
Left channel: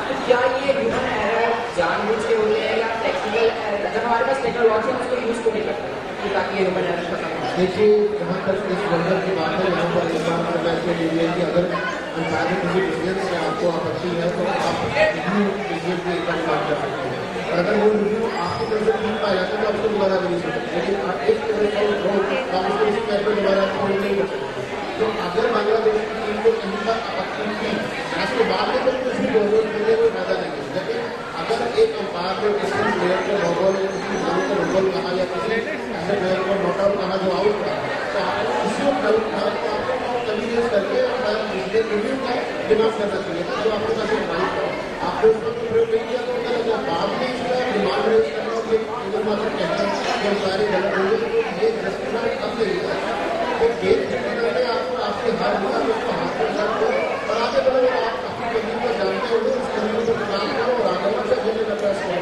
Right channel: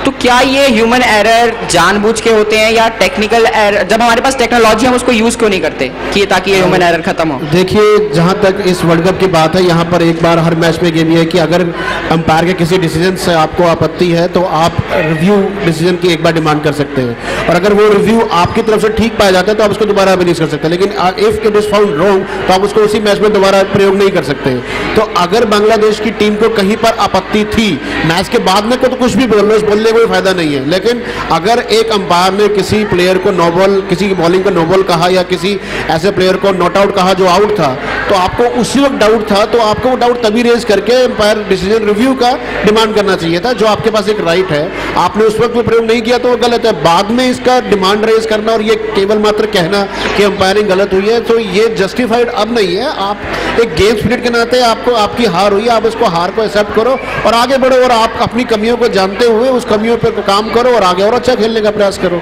तो क्या ये ह्यूमन एरर जानबूझ के होते हैं या टेक्निकल एरर? जब हमारे पास टेक्नोलॉजी, हम उसको यूज क्यों नहीं करते कि ताकि ये ह्यूमन एरर खत्म हो? देखिए, जहाँ तक इस वर्ल्ड कप की बात है, यहाँ पर एक बार हर मैच में गेम ये है कि अगर अंपायर के किसी डिसीजन से आपको आपत्ति है तो आप रिव्यू डिसीजन की एक बार डिमांड कर सकते हैं, और अगर वो रिव्यू आपकी तरफ से ठीक पाया जाता है तो आप उसको दोबारा भी नहीं कर सकते। लेकिन if it is found wrong तो आप उसको उसी मैच में दोबारा प्रयोग नहीं कर सकते। तो अगर बांग्लादेश की टीम को कहीं पर आपत्ति थी मैच के बाद में, तो कुछ भी बोलने का कोई फायदा नहीं है। लेकिन अगर एक अंपायर ने किसी प्लेयर को नो बॉल, किसी की बॉलिंग को नो बॉल कहा, या किसी ऐसे प्लेयर को नॉट आउट कहा जो आउट था, तो आपको उसी वक्त डाउट था, तो आपको वो डाउट तभी रेज करके अंपायर डिसीजन रिव्यू का डिमांड करना चाहिए था, जो आपके पास एक राइट है। आपने उस वक्त प्रयोग नहीं किया तो वो गलत है। बाद में इसका डिमांड रेज करना और ये केवल मात्र कहना कि अंपायरिंग गलत हुई है, तो ये जस्टिफाइड अब नहीं है। आप एक गेम स्पिरिट के नाते आपको, आपकी हार हुई है, आप उसको हार को एक्सेप्ट करो और आगे बढ़ो, और आप अपनी कमियों को जानते हुए उस कमियों पर काम करो और आगे और अच्छा खेलने का प्रयास करो।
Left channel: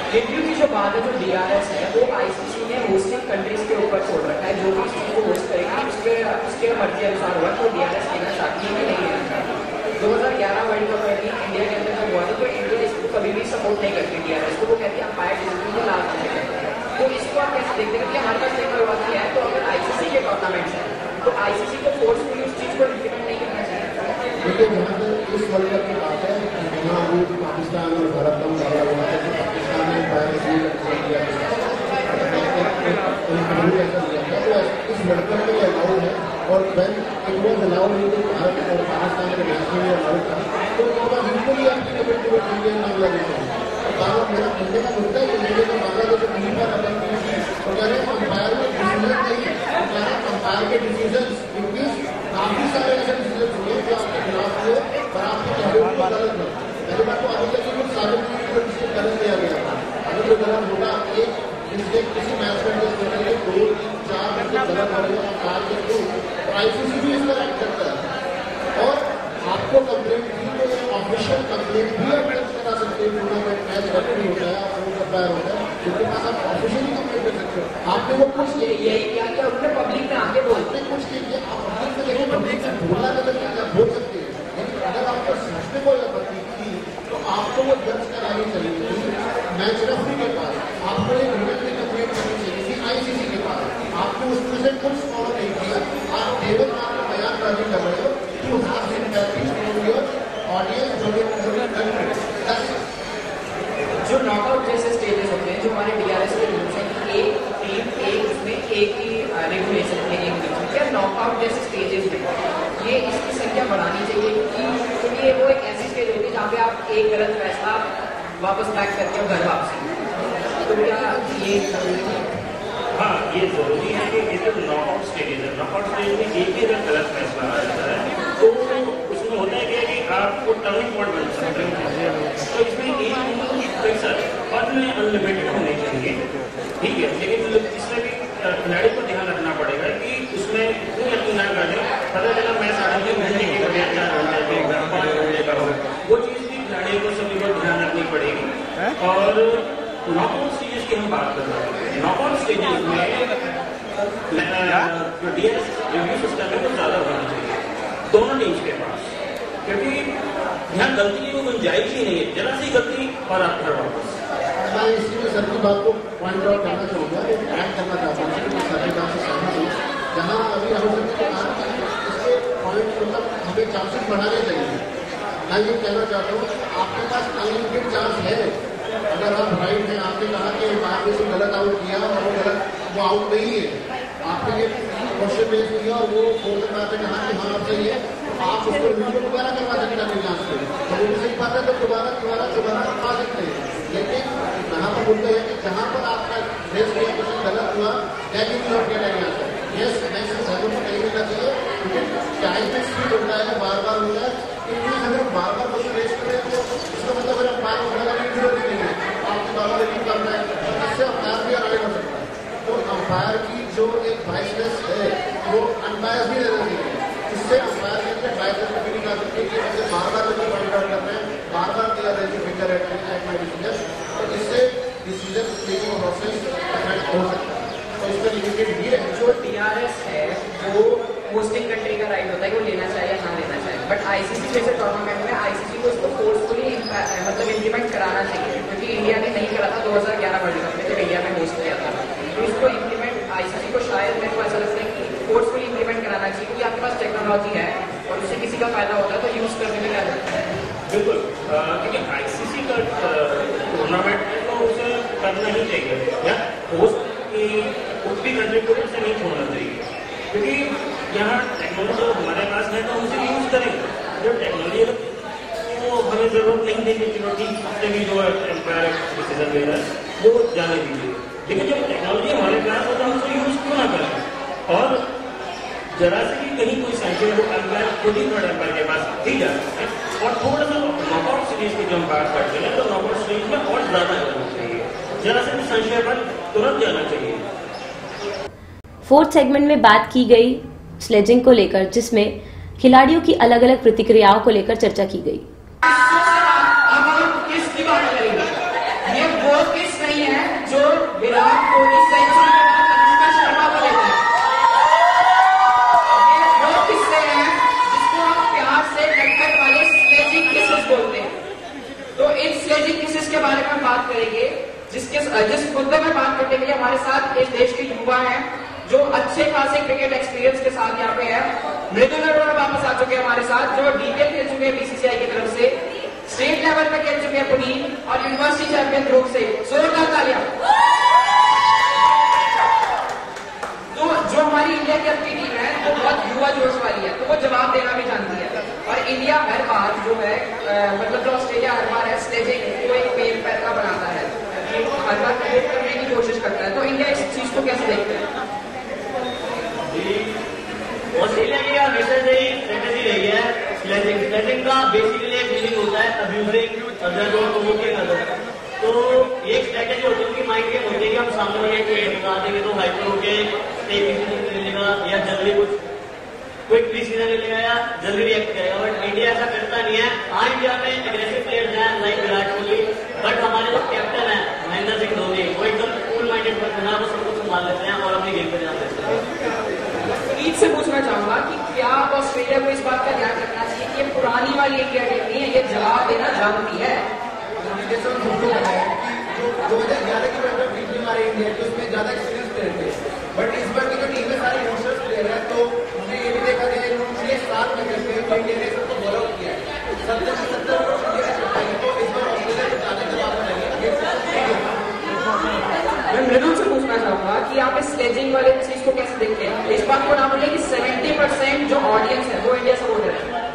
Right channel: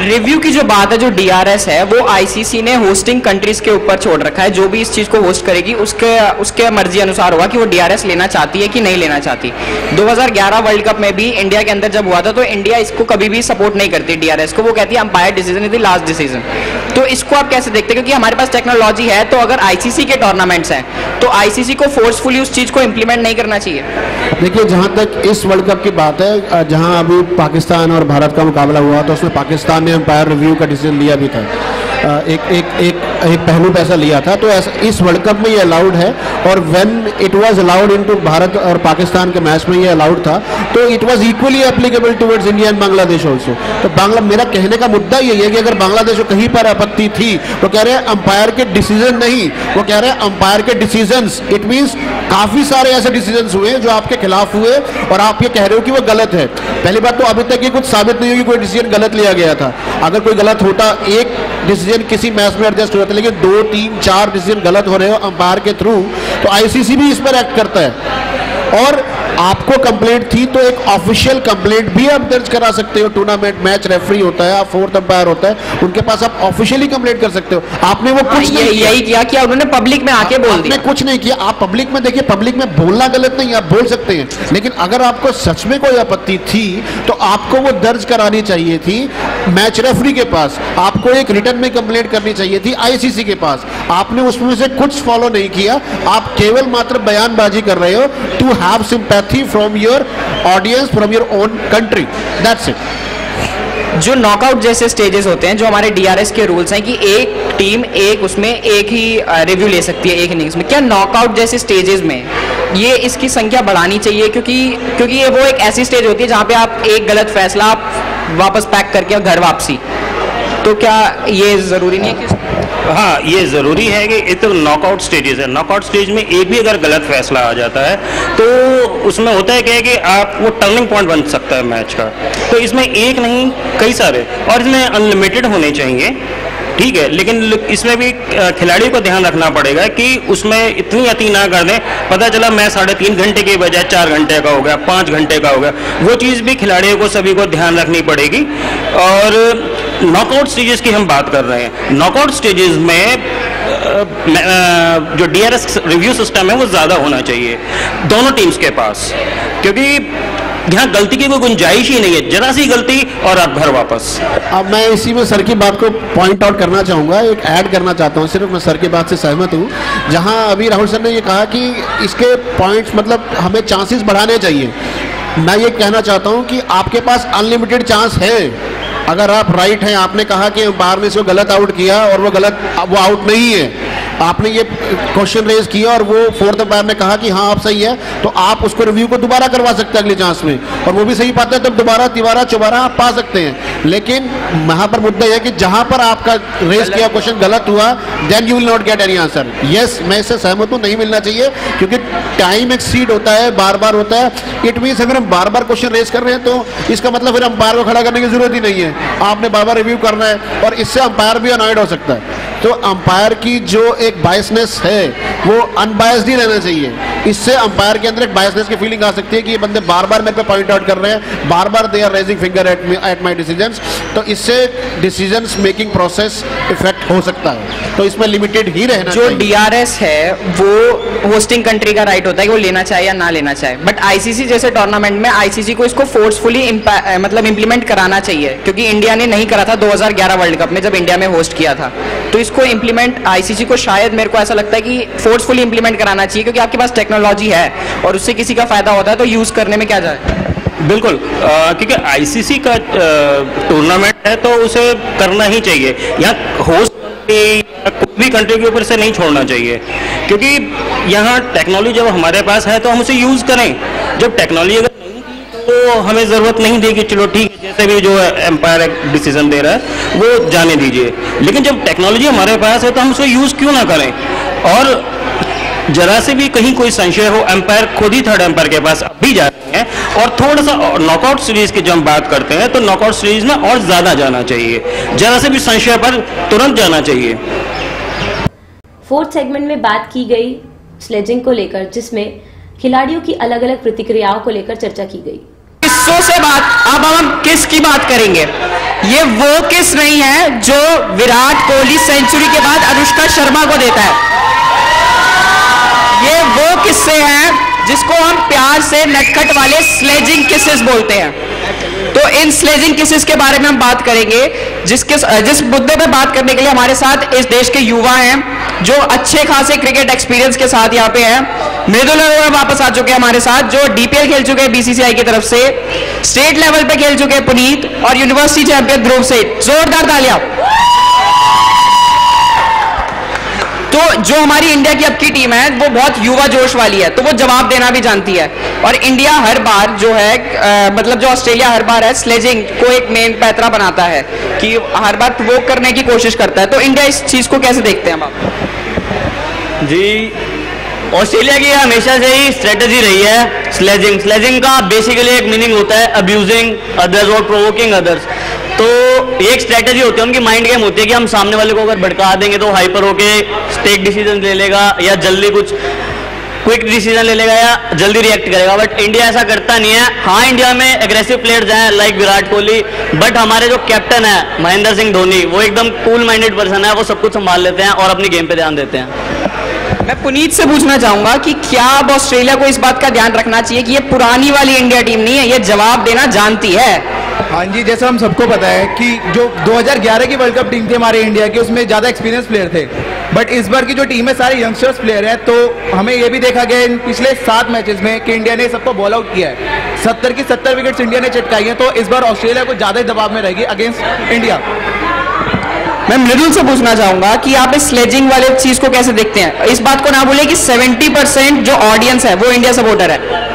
रिव्यू की जो बात है, जो DRS है, वो ICC ने होस्टिंग कंट्रीज के ऊपर छोड़ रखा है। जो भी इस चीज को होस्ट करेगी उसके मर्जी अनुसार होगा कि वो DRS लेना चाहती है कि नहीं लेना चाहती। 2011 वर्ल्ड कप में भी इंडिया के अंदर जब हुआ था तो इंडिया इसको कभी भी सपोर्ट नहीं करती DRS को, वो कहती है umpire decision is the last decision. तो इसको आप कैसे देखते हैं? क्योंकि हमारे पास टेक्नोलॉजी है, तो अगर ICC के टूर्नामेंट्स हैं तो ICC को फोर्सफुली उस चीज को इंप्लीमेंट नहीं करना चाहिए। देखिए, जहां तक इस वर्ल्ड कप की बात है, जहां अभी पाकिस्तान और भारत का मुकाबला हुआ तो उसमें पाकिस्तान ने अंपायर रिव्यू का डिसीजन लिया भी था। एक पहलू पे ऐसा लिया था, तो ऐसा इस वर्ल्ड कप में ये अलाउड है। और when it was allowed into Bharat और पाकिस्तान के मैच में ये अलाउड था, तो it was equally applicable towards India and Bangladesh also. तो मेरा कहने का मुद्दा यही है कि अगर बांग्लादेश को कहीं पर आपत्ति थी तो कह रहे हैं अंपायर के डिसीजन नहीं, वो कह रहे हैं अंपायर के डिसीजंस। इट मींस काफी सारे ऐसे डिसीजंस हुए जो आपके खिलाफ हुए और आप ये कह रहे हो कि वो गलत है। पहली बात तो अभी तक ये कुछ साबित नहीं हुई कोई डिसीजन गलत लिया गया था। अगर कोई गलत होता, एक डिसीजन किसी मैच में एडजस्ट हो जाता, लेकिन 2, 3, 4 डिसीजन गलत हो रहे हो अंपायर के थ्रू, तो ICC भी इस पर एक्ट करता है। और आपको कंप्लेंट थी तो एक ऑफिशियल कंप्लेंट भी आप दर्ज करा सकते हो। टूर्नामेंट मैच रेफरी होता है, आप फोर्थ अंपायर होता है, उनके पास आप ऑफिशियली कंप्लेंट कर सकते हो। आपने वो कुछ नहीं किया, यही किया कि उन्होंने पब्लिक में आके बोल दिया। कुछ नहीं किया। आप पब्लिक में देखिए, पब्लिक में बोलना गलत नहीं, आप बोल सकते हैं, लेकिन अगर आपको सच में कोई आपत्ति थी तो आपको वो दर्ज करानी चाहिए थी मैच रेफरी के पास। आपको एक रिटर्न में कंप्लेंट करनी चाहिए थी ICC के पास। आपने उसमें से कुछ फॉलो नहीं किया। आप केवल मात्र बयानबाजी कर रहे हो to have sympathy from your audience, from your own country. That's it. जो नॉकआउट जैसे स्टेजेस होते हैं, जो हमारे DRS के रूल्स हैं कि एक टीम उसमें एक ही रिव्यू ले सकती है एक इनिंग्स में, क्या नॉकआउट जैसे स्टेजेस में ये इसकी संख्या बढ़ानी चाहिए? क्योंकि ये वो एक ऐसी स्टेज होती है जहाँ पे आप एक गलत फैसला आप वापस पैक करके घर वापसी, तो क्या ये जरूरी नहीं है? हाँ, ये ज़रूरी है कि ये तो नॉकआउट स्टेजेस है। नॉकआउट स्टेज में एक भी अगर गलत फैसला आ जाता है तो उसमें होता है क्या है कि आप वो टर्निंग पॉइंट बन सकता है मैच का। तो इसमें एक नहीं कई सारे, और इसमें अनलिमिटेड होने चाहिए, ठीक है, लेकिन इसमें भी खिलाड़ियों को ध्यान रखना पड़ेगा कि उसमें इतनी अति ना कर दें। पता चला मैच 3.5 घंटे के बजाय 4 घंटे का हो गया, 5 घंटे का हो गया, वो चीज़ भी खिलाड़ियों को सभी को ध्यान रखनी पड़ेगी। और नॉकआउट स्टेजेस की हम बात कर रहे हैं, नॉकआउट स्टेजेस में जो DRS रिव्यू सिस्टम है वो ज़्यादा होना चाहिए दोनों टीम्स के पास, क्योंकि यहाँ गलती की कोई गुंजाइश ही नहीं है। जरा सी गलती और आप घर वापस। अब मैं इसी में सर की बात को पॉइंट आउट करना चाहूँगा, एक ऐड करना चाहता हूँ। सिर्फ मैं सर की बात से सहमत हूँ। जहाँ अभी राहुल सर ने ये कहा कि इसके पॉइंट्स मतलब हमें चांसेस बढ़ाने चाहिए, मैं ये कहना चाहता हूँ कि आपके पास अनलिमिटेड चांस है। अगर आप राइट हैं, आपने कहा कि बाहर में इसको गलत आउट किया और वो आउट नहीं है, आपने ये क्वेश्चन रेज किया और वो फोर्थ अंपायर ने कहा कि हाँ आप सही है, तो आप उसको रिव्यू को दोबारा करवा सकते हैं अगली चांस में, और वो भी सही पाते हैं तब दोबारा तिबारा चौबारा आप पा सकते हैं। लेकिन वहाँ पर मुद्दा है कि जहाँ पर आपका रेज किया क्वेश्चन गलत हुआ, then you will not get any answer. Yes, मैं इससे सहमत हूँ, नहीं मिलना चाहिए, क्योंकि टाइम एक्सीड होता है, बार बार होता है। इट मीन्स अगर हम बार बार क्वेश्चन रेज कर रहे हैं तो इसका मतलब फिर अंपायर को खड़ा करने की जरूरत ही नहीं है, आपने बार बार रिव्यू करना है, और इससे अंपायर भी अनॉयड हो सकता है। तो अंपायर की जो एक बायसनेस है वो अनबायस्ड ही रहना चाहिए। इससे अंपायर के अंदर एक बायसनेस की फीलिंग आ सकती है कि ये बंदे बार बार मेरे पे पॉइंट आउट कर रहे हैं, बार बार they are raising finger at my decisions, तो इससे डिसीजंस मेकिंग प्रोसेस इफेक्ट हो सकता है। तो इसमें लिमिटेड ही रहना जो चाहिए। DRS है वो होस्टिंग कंट्री का राइट होता है कि वो लेना चाहे या ना लेना चाहे, बट ICC जैसे टूर्नामेंट में ICC को इसको फोर्सफुली मतलब इंप्लीमेंट कराना चाहिए, क्योंकि इंडिया ने नहीं करा था 2011 वर्ल्ड कप में जब इंडिया में होस्ट किया था। तो इसको इंप्लीमेंट ICC को शायद मेरे को ऐसा लगता है कि फोर्सफुली इंप्लीमेंट कराना चाहिए, क्योंकि आपके पास टेक्नोलॉजी है और उससे किसी का फायदा होता है तो यूज करने में क्या जाए। बिल्कुल, क्योंकि ICC का टूर्नामेंट है तो उसे करना ही चाहिए। यहाँ होस्ट कोई भी कंट्री के ऊपर से नहीं छोड़ना चाहिए, क्योंकि यहाँ टेक्नोलॉजी जब हमारे पास है तो हम उसे यूज करें। जब टेक्नोलॉजी अगर तो हमें ज़रूरत नहीं थी कि चलो ठीक जैसे भी जो एम्पायर डिसीजन दे रहा है वो जाने दीजिए, लेकिन जब टेक्नोलॉजी हमारे पास है तो हम उसे यूज़ क्यों ना करें। और जरा से भी कहीं कोई संशय हो, एम्पायर खुद ही थर्ड एम्पायर के पास भी जाते हैं। और थोड़ा सा नॉकआउट सीरीज की जब हम बात करते हैं तो नॉकआउट सीरीज में और ज़्यादा जाना चाहिए, जरा से भी संशय पर तुरंत जाना चाहिए। फोर्थ सेगमेंट में बात की गई स्लेजिंग को लेकर, जिसमें खिलाड़ियों की अलग अलग प्रतिक्रियाओं को लेकर चर्चा की गई। किस्सों से बात, अब हम किस की बात करेंगे? ये वो किस नहीं है जो विराट कोहली सेंचुरी के बाद अनुष्का शर्मा को देता है। ये वो किस्से हैं जिसको हम प्यार से नटखट वाले स्लेजिंग किसेस बोलते हैं। तो इन स्लेजिंग किसेस के बारे में हम बात करेंगे, जिस मुद्दे पे बात करने के लिए हमारे साथ इस देश के युवा हैं जो अच्छे खासे क्रिकेट एक्सपीरियंस के साथ यहाँ पे हैं। मृदुल अरोड़ा वापस आ चुके हैं हमारे साथ, जो डीपीएल खेल चुके हैं बीसीसीआई की तरफ से, स्टेट लेवल पे खेल चुके हैं पुनीत, और यूनिवर्सिटी चैंपियन ध्रुव सेठ। जोरदार तालियां। तो जो हमारी इंडिया की अब की टीम है वो बहुत युवा जोश वाली है, तो वो जवाब देना भी जानती है। और इंडिया हर बार जो है मतलब जो ऑस्ट्रेलिया हर बार है स्लेजिंग को एक मेन पैतरा बनाता है कि हर बार प्रोवोक करने की कोशिश करता है। तो इंडिया इस चीज को कैसे देखते हैं आप? जी, ऑस्ट्रेलिया की हमेशा से ही स्ट्रेटजी रही है स्लेजिंग का बेसिकली एक मीनिंग होता है अब्यूजिंग अदर्स और प्रोवोकिंग अदर्स। तो एक स्ट्रेटजी होती है उनकी, माइंड गेम होती है कि हम सामने वाले को अगर भड़का देंगे तो हाइपर होके टेक डिसीजन ले लेगा या जल्दी कुछ क्विक डिसीजन ले लेगा या जल्दी रिएक्ट करेगा। बट इंडिया ऐसा करता नहीं है। हाँ, इंडिया में एग्रेसिव प्लेयर्स हैं लाइक विराट कोहली, बट हमारे जो कैप्टन है महेंद्र सिंह धोनी वो एकदम कूल माइंडेड पर्सन है, वो सब कुछ संभाल लेते हैं और अपनी गेम पे ध्यान देते हैं। मैं पुनीत से पूछना चाहूंगा कि क्या अब ऑस्ट्रेलिया को इस बात का ध्यान रखना चाहिए कि ये पुरानी वाली इंडिया टीम नहीं है, ये जवाब देना जानती है। हाँ जी, जैसा हम सबको पता है कि जो 2011 की वर्ल्ड कप टीम थी हमारे इंडिया की, उसमें ज़्यादा एक्सपीरियंस प्लेयर थे, बट इस बार की जो टीम है सारे यंगस्टर्स प्लेयर हैं। तो हमें ये भी देखा गया इन पिछले 7 मैचेस में कि इंडिया ने सबको बॉल आउट किया है। 70 की 70 विकेट्स इंडिया ने चटकाई हैं। तो इस बार ऑस्ट्रेलिया को ज़्यादा दबाव में रहेगी अगेंस्ट इंडिया। मैं मृदुल से पूछना चाहूंगा कि आप इस स्लेजिंग वाले चीज को कैसे देखते हैं? इस बात को ना भूलिए कि 70% जो ऑडियंस है वो इंडिया सपोर्टर है।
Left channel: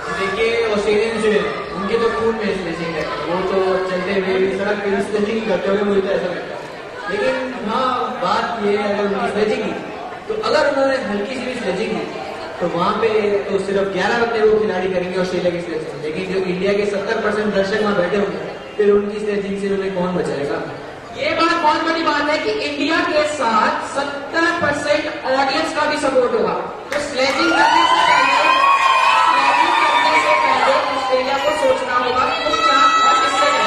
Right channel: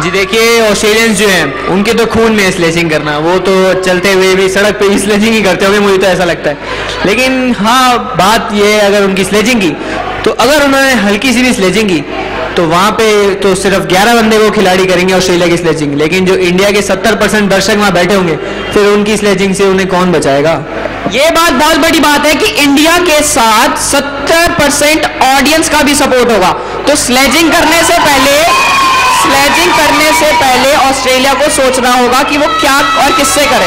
जी देखिए, ऑस्ट्रेलियंस जो हैं उनके तो खून में स्लेजिंग करना, वो तो चलते हुए भी सड़क पे ही स्लेजिंग ही करते होंगे, मुझे तो ऐसा लगता है। लेकिन हाँ, बात ये है अगर उनकी स्लेजिंग की, तो अगर उन्होंने हल्की सी भी स्लेजिंग की तो वहाँ पे तो सिर्फ 11 बंदे वो खिलाड़ी करेंगे ऑस्ट्रेलिया की स्लेजिंग। लेकिन जो इंडिया के 70% दर्शक वहाँ बैठे होंगे, फिर उनकी स्लेजिंग से उन्हें कौन बचाएगा? ये बात बहुत बड़ी बात है कि इंडिया के साथ 70% ऑडियंस का भी सपोर्ट होगा। तो स्लेजिंग करने से पहले ऑस्ट्रेलिया को सोचना होगा कि वो क्या और किससे करे।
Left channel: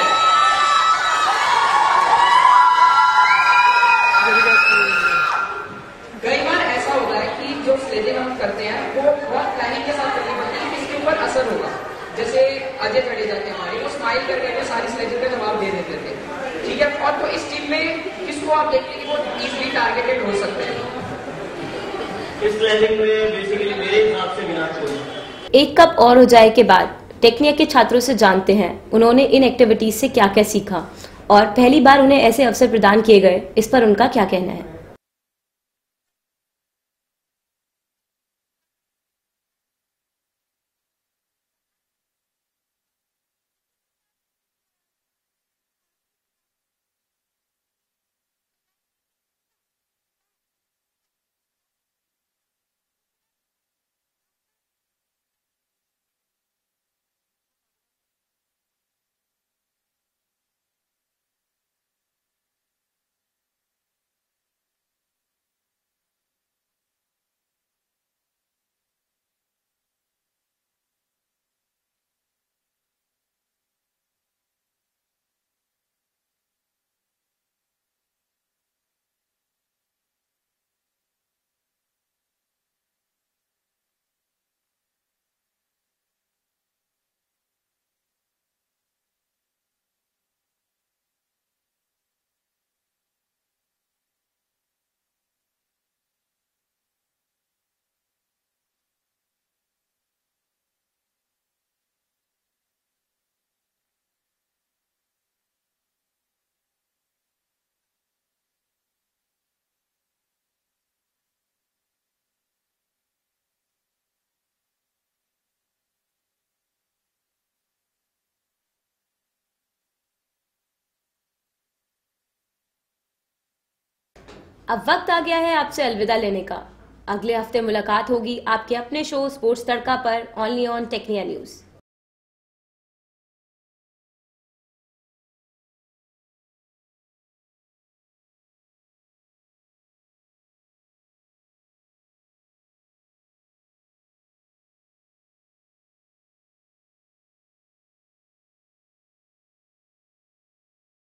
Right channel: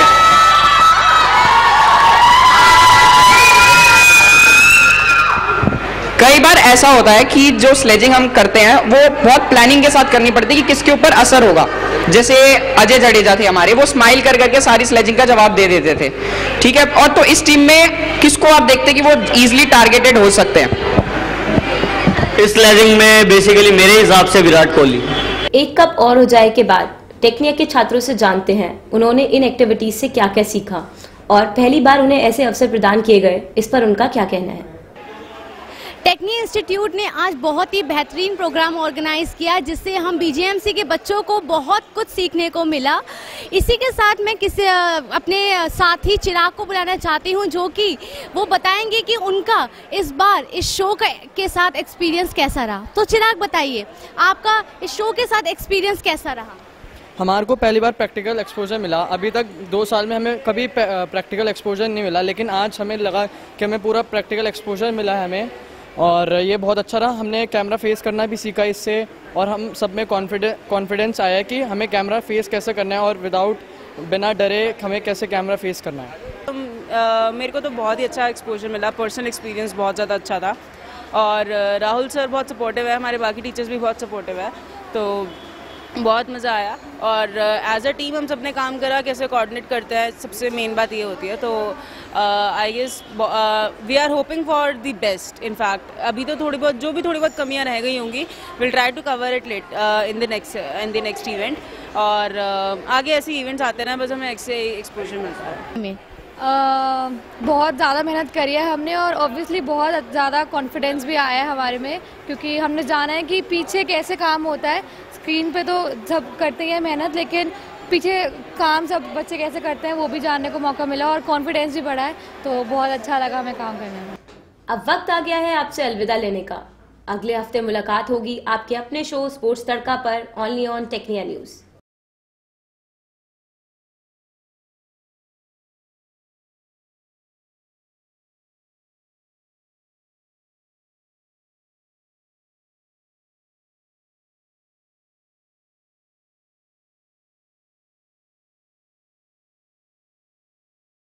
कई बार ऐसा होता है कि जो स्लेजिंग हम करते हैं वो बहुत प्लानिंग के साथ करनी पड़ती है कि किसके ऊपर असर होगा। जैसे अजय जडेजा थे हमारे, वो स्माइल कर करके सारी स्लेजिंग का जवाब दे देते थे, ठीक है। और तो इस टीम में किसको आप देखते हैं कि वो इजीली टारगेटेड हो सकते हैं? इस स्लेजिंग में बेसिकली मेरे हिसाब से विराट कोहली। एक कप और हो जाए के बाद टेक्निया के छात्रों से जानते हैं उन्होंने इन एक्टिविटीज से क्या क्या सीखा और पहली बार उन्हें ऐसे अवसर प्रदान किए गए, इस पर उनका क्या कहना है। टेक्निया इंस्टीट्यूट ने आज बहुत ही बेहतरीन प्रोग्राम ऑर्गेनाइज किया जिससे हम बीजेएमसी के बच्चों को बहुत कुछ सीखने को मिला। इसी के साथ मैं अपने साथी चिराग को बुलाना चाहती हूं जो कि वो बताएंगे कि उनका इस बार इस शो के साथ एक्सपीरियंस कैसा रहा। तो चिराग बताइए, आपका इस शो के साथ एक्सपीरियंस कैसा रहा? हमारे को पहली बार प्रैक्टिकल एक्सपोजर मिला। अभी तक 2 साल में हमें कभी प्रैक्टिकल एक्सपोजर नहीं मिला, लेकिन आज हमें लगा कि हमें पूरा प्रैक्टिकल एक्सपोजर मिला है हमें, और ये बहुत अच्छा रहा। हमने कैमरा फेस करना भी सीखा इससे, और हम सब में कॉन्फिडेंस आया कि हमें कैमरा फेस कैसे करना है और बिना डरे हमें कैसे कैमरा फेस करना है। मेरे को तो बहुत ही अच्छा एक्सपोजर मिला, पर्सनल एक्सपीरियंस बहुत ज़्यादा अच्छा था। और राहुल सर बहुत सपोर्टिव है, हमारे बाकी टीचर्स भी बहुत सपोर्टिव है, तो बहुत मज़ा आया। और एज अ टीम हम सब ने काम करा, कैसे कोऑर्डिनेट करते हैं, सबसे मेन बात ये होती है। तो I guess we are hoping for the best. In fact अभी तो थोड़ी बहुत कमियां रह गई होंगी, will try to cover it late in the next event. और आगे ऐसे इवेंट्स आते हैं, बस हमें ऐसे एक्सपोजर मिलता है। बहुत ज़्यादा मेहनत करी है हमने, और ऑब्वियसली बहुत ज़्यादा कॉन्फिडेंस भी आया है हमारे में, क्योंकि हमने जाना है कि पीछे कैसे काम होता है। स्क्रीन पे तो सब करते हैं मेहनत, लेकिन पीछे काम सब बच्चे कैसे करते हैं वो भी जानने को मौका मिला, और कॉन्फिडेंस भी बढ़ा है, तो बहुत अच्छा लगा हमें काम करने में। अब वक्त आ गया है आपसे अलविदा लेने का। अगले हफ्ते मुलाकात होगी आपके अपने शो स्पोर्ट्स तड़का पर, ओनली ऑन टेक्निया न्यूज़।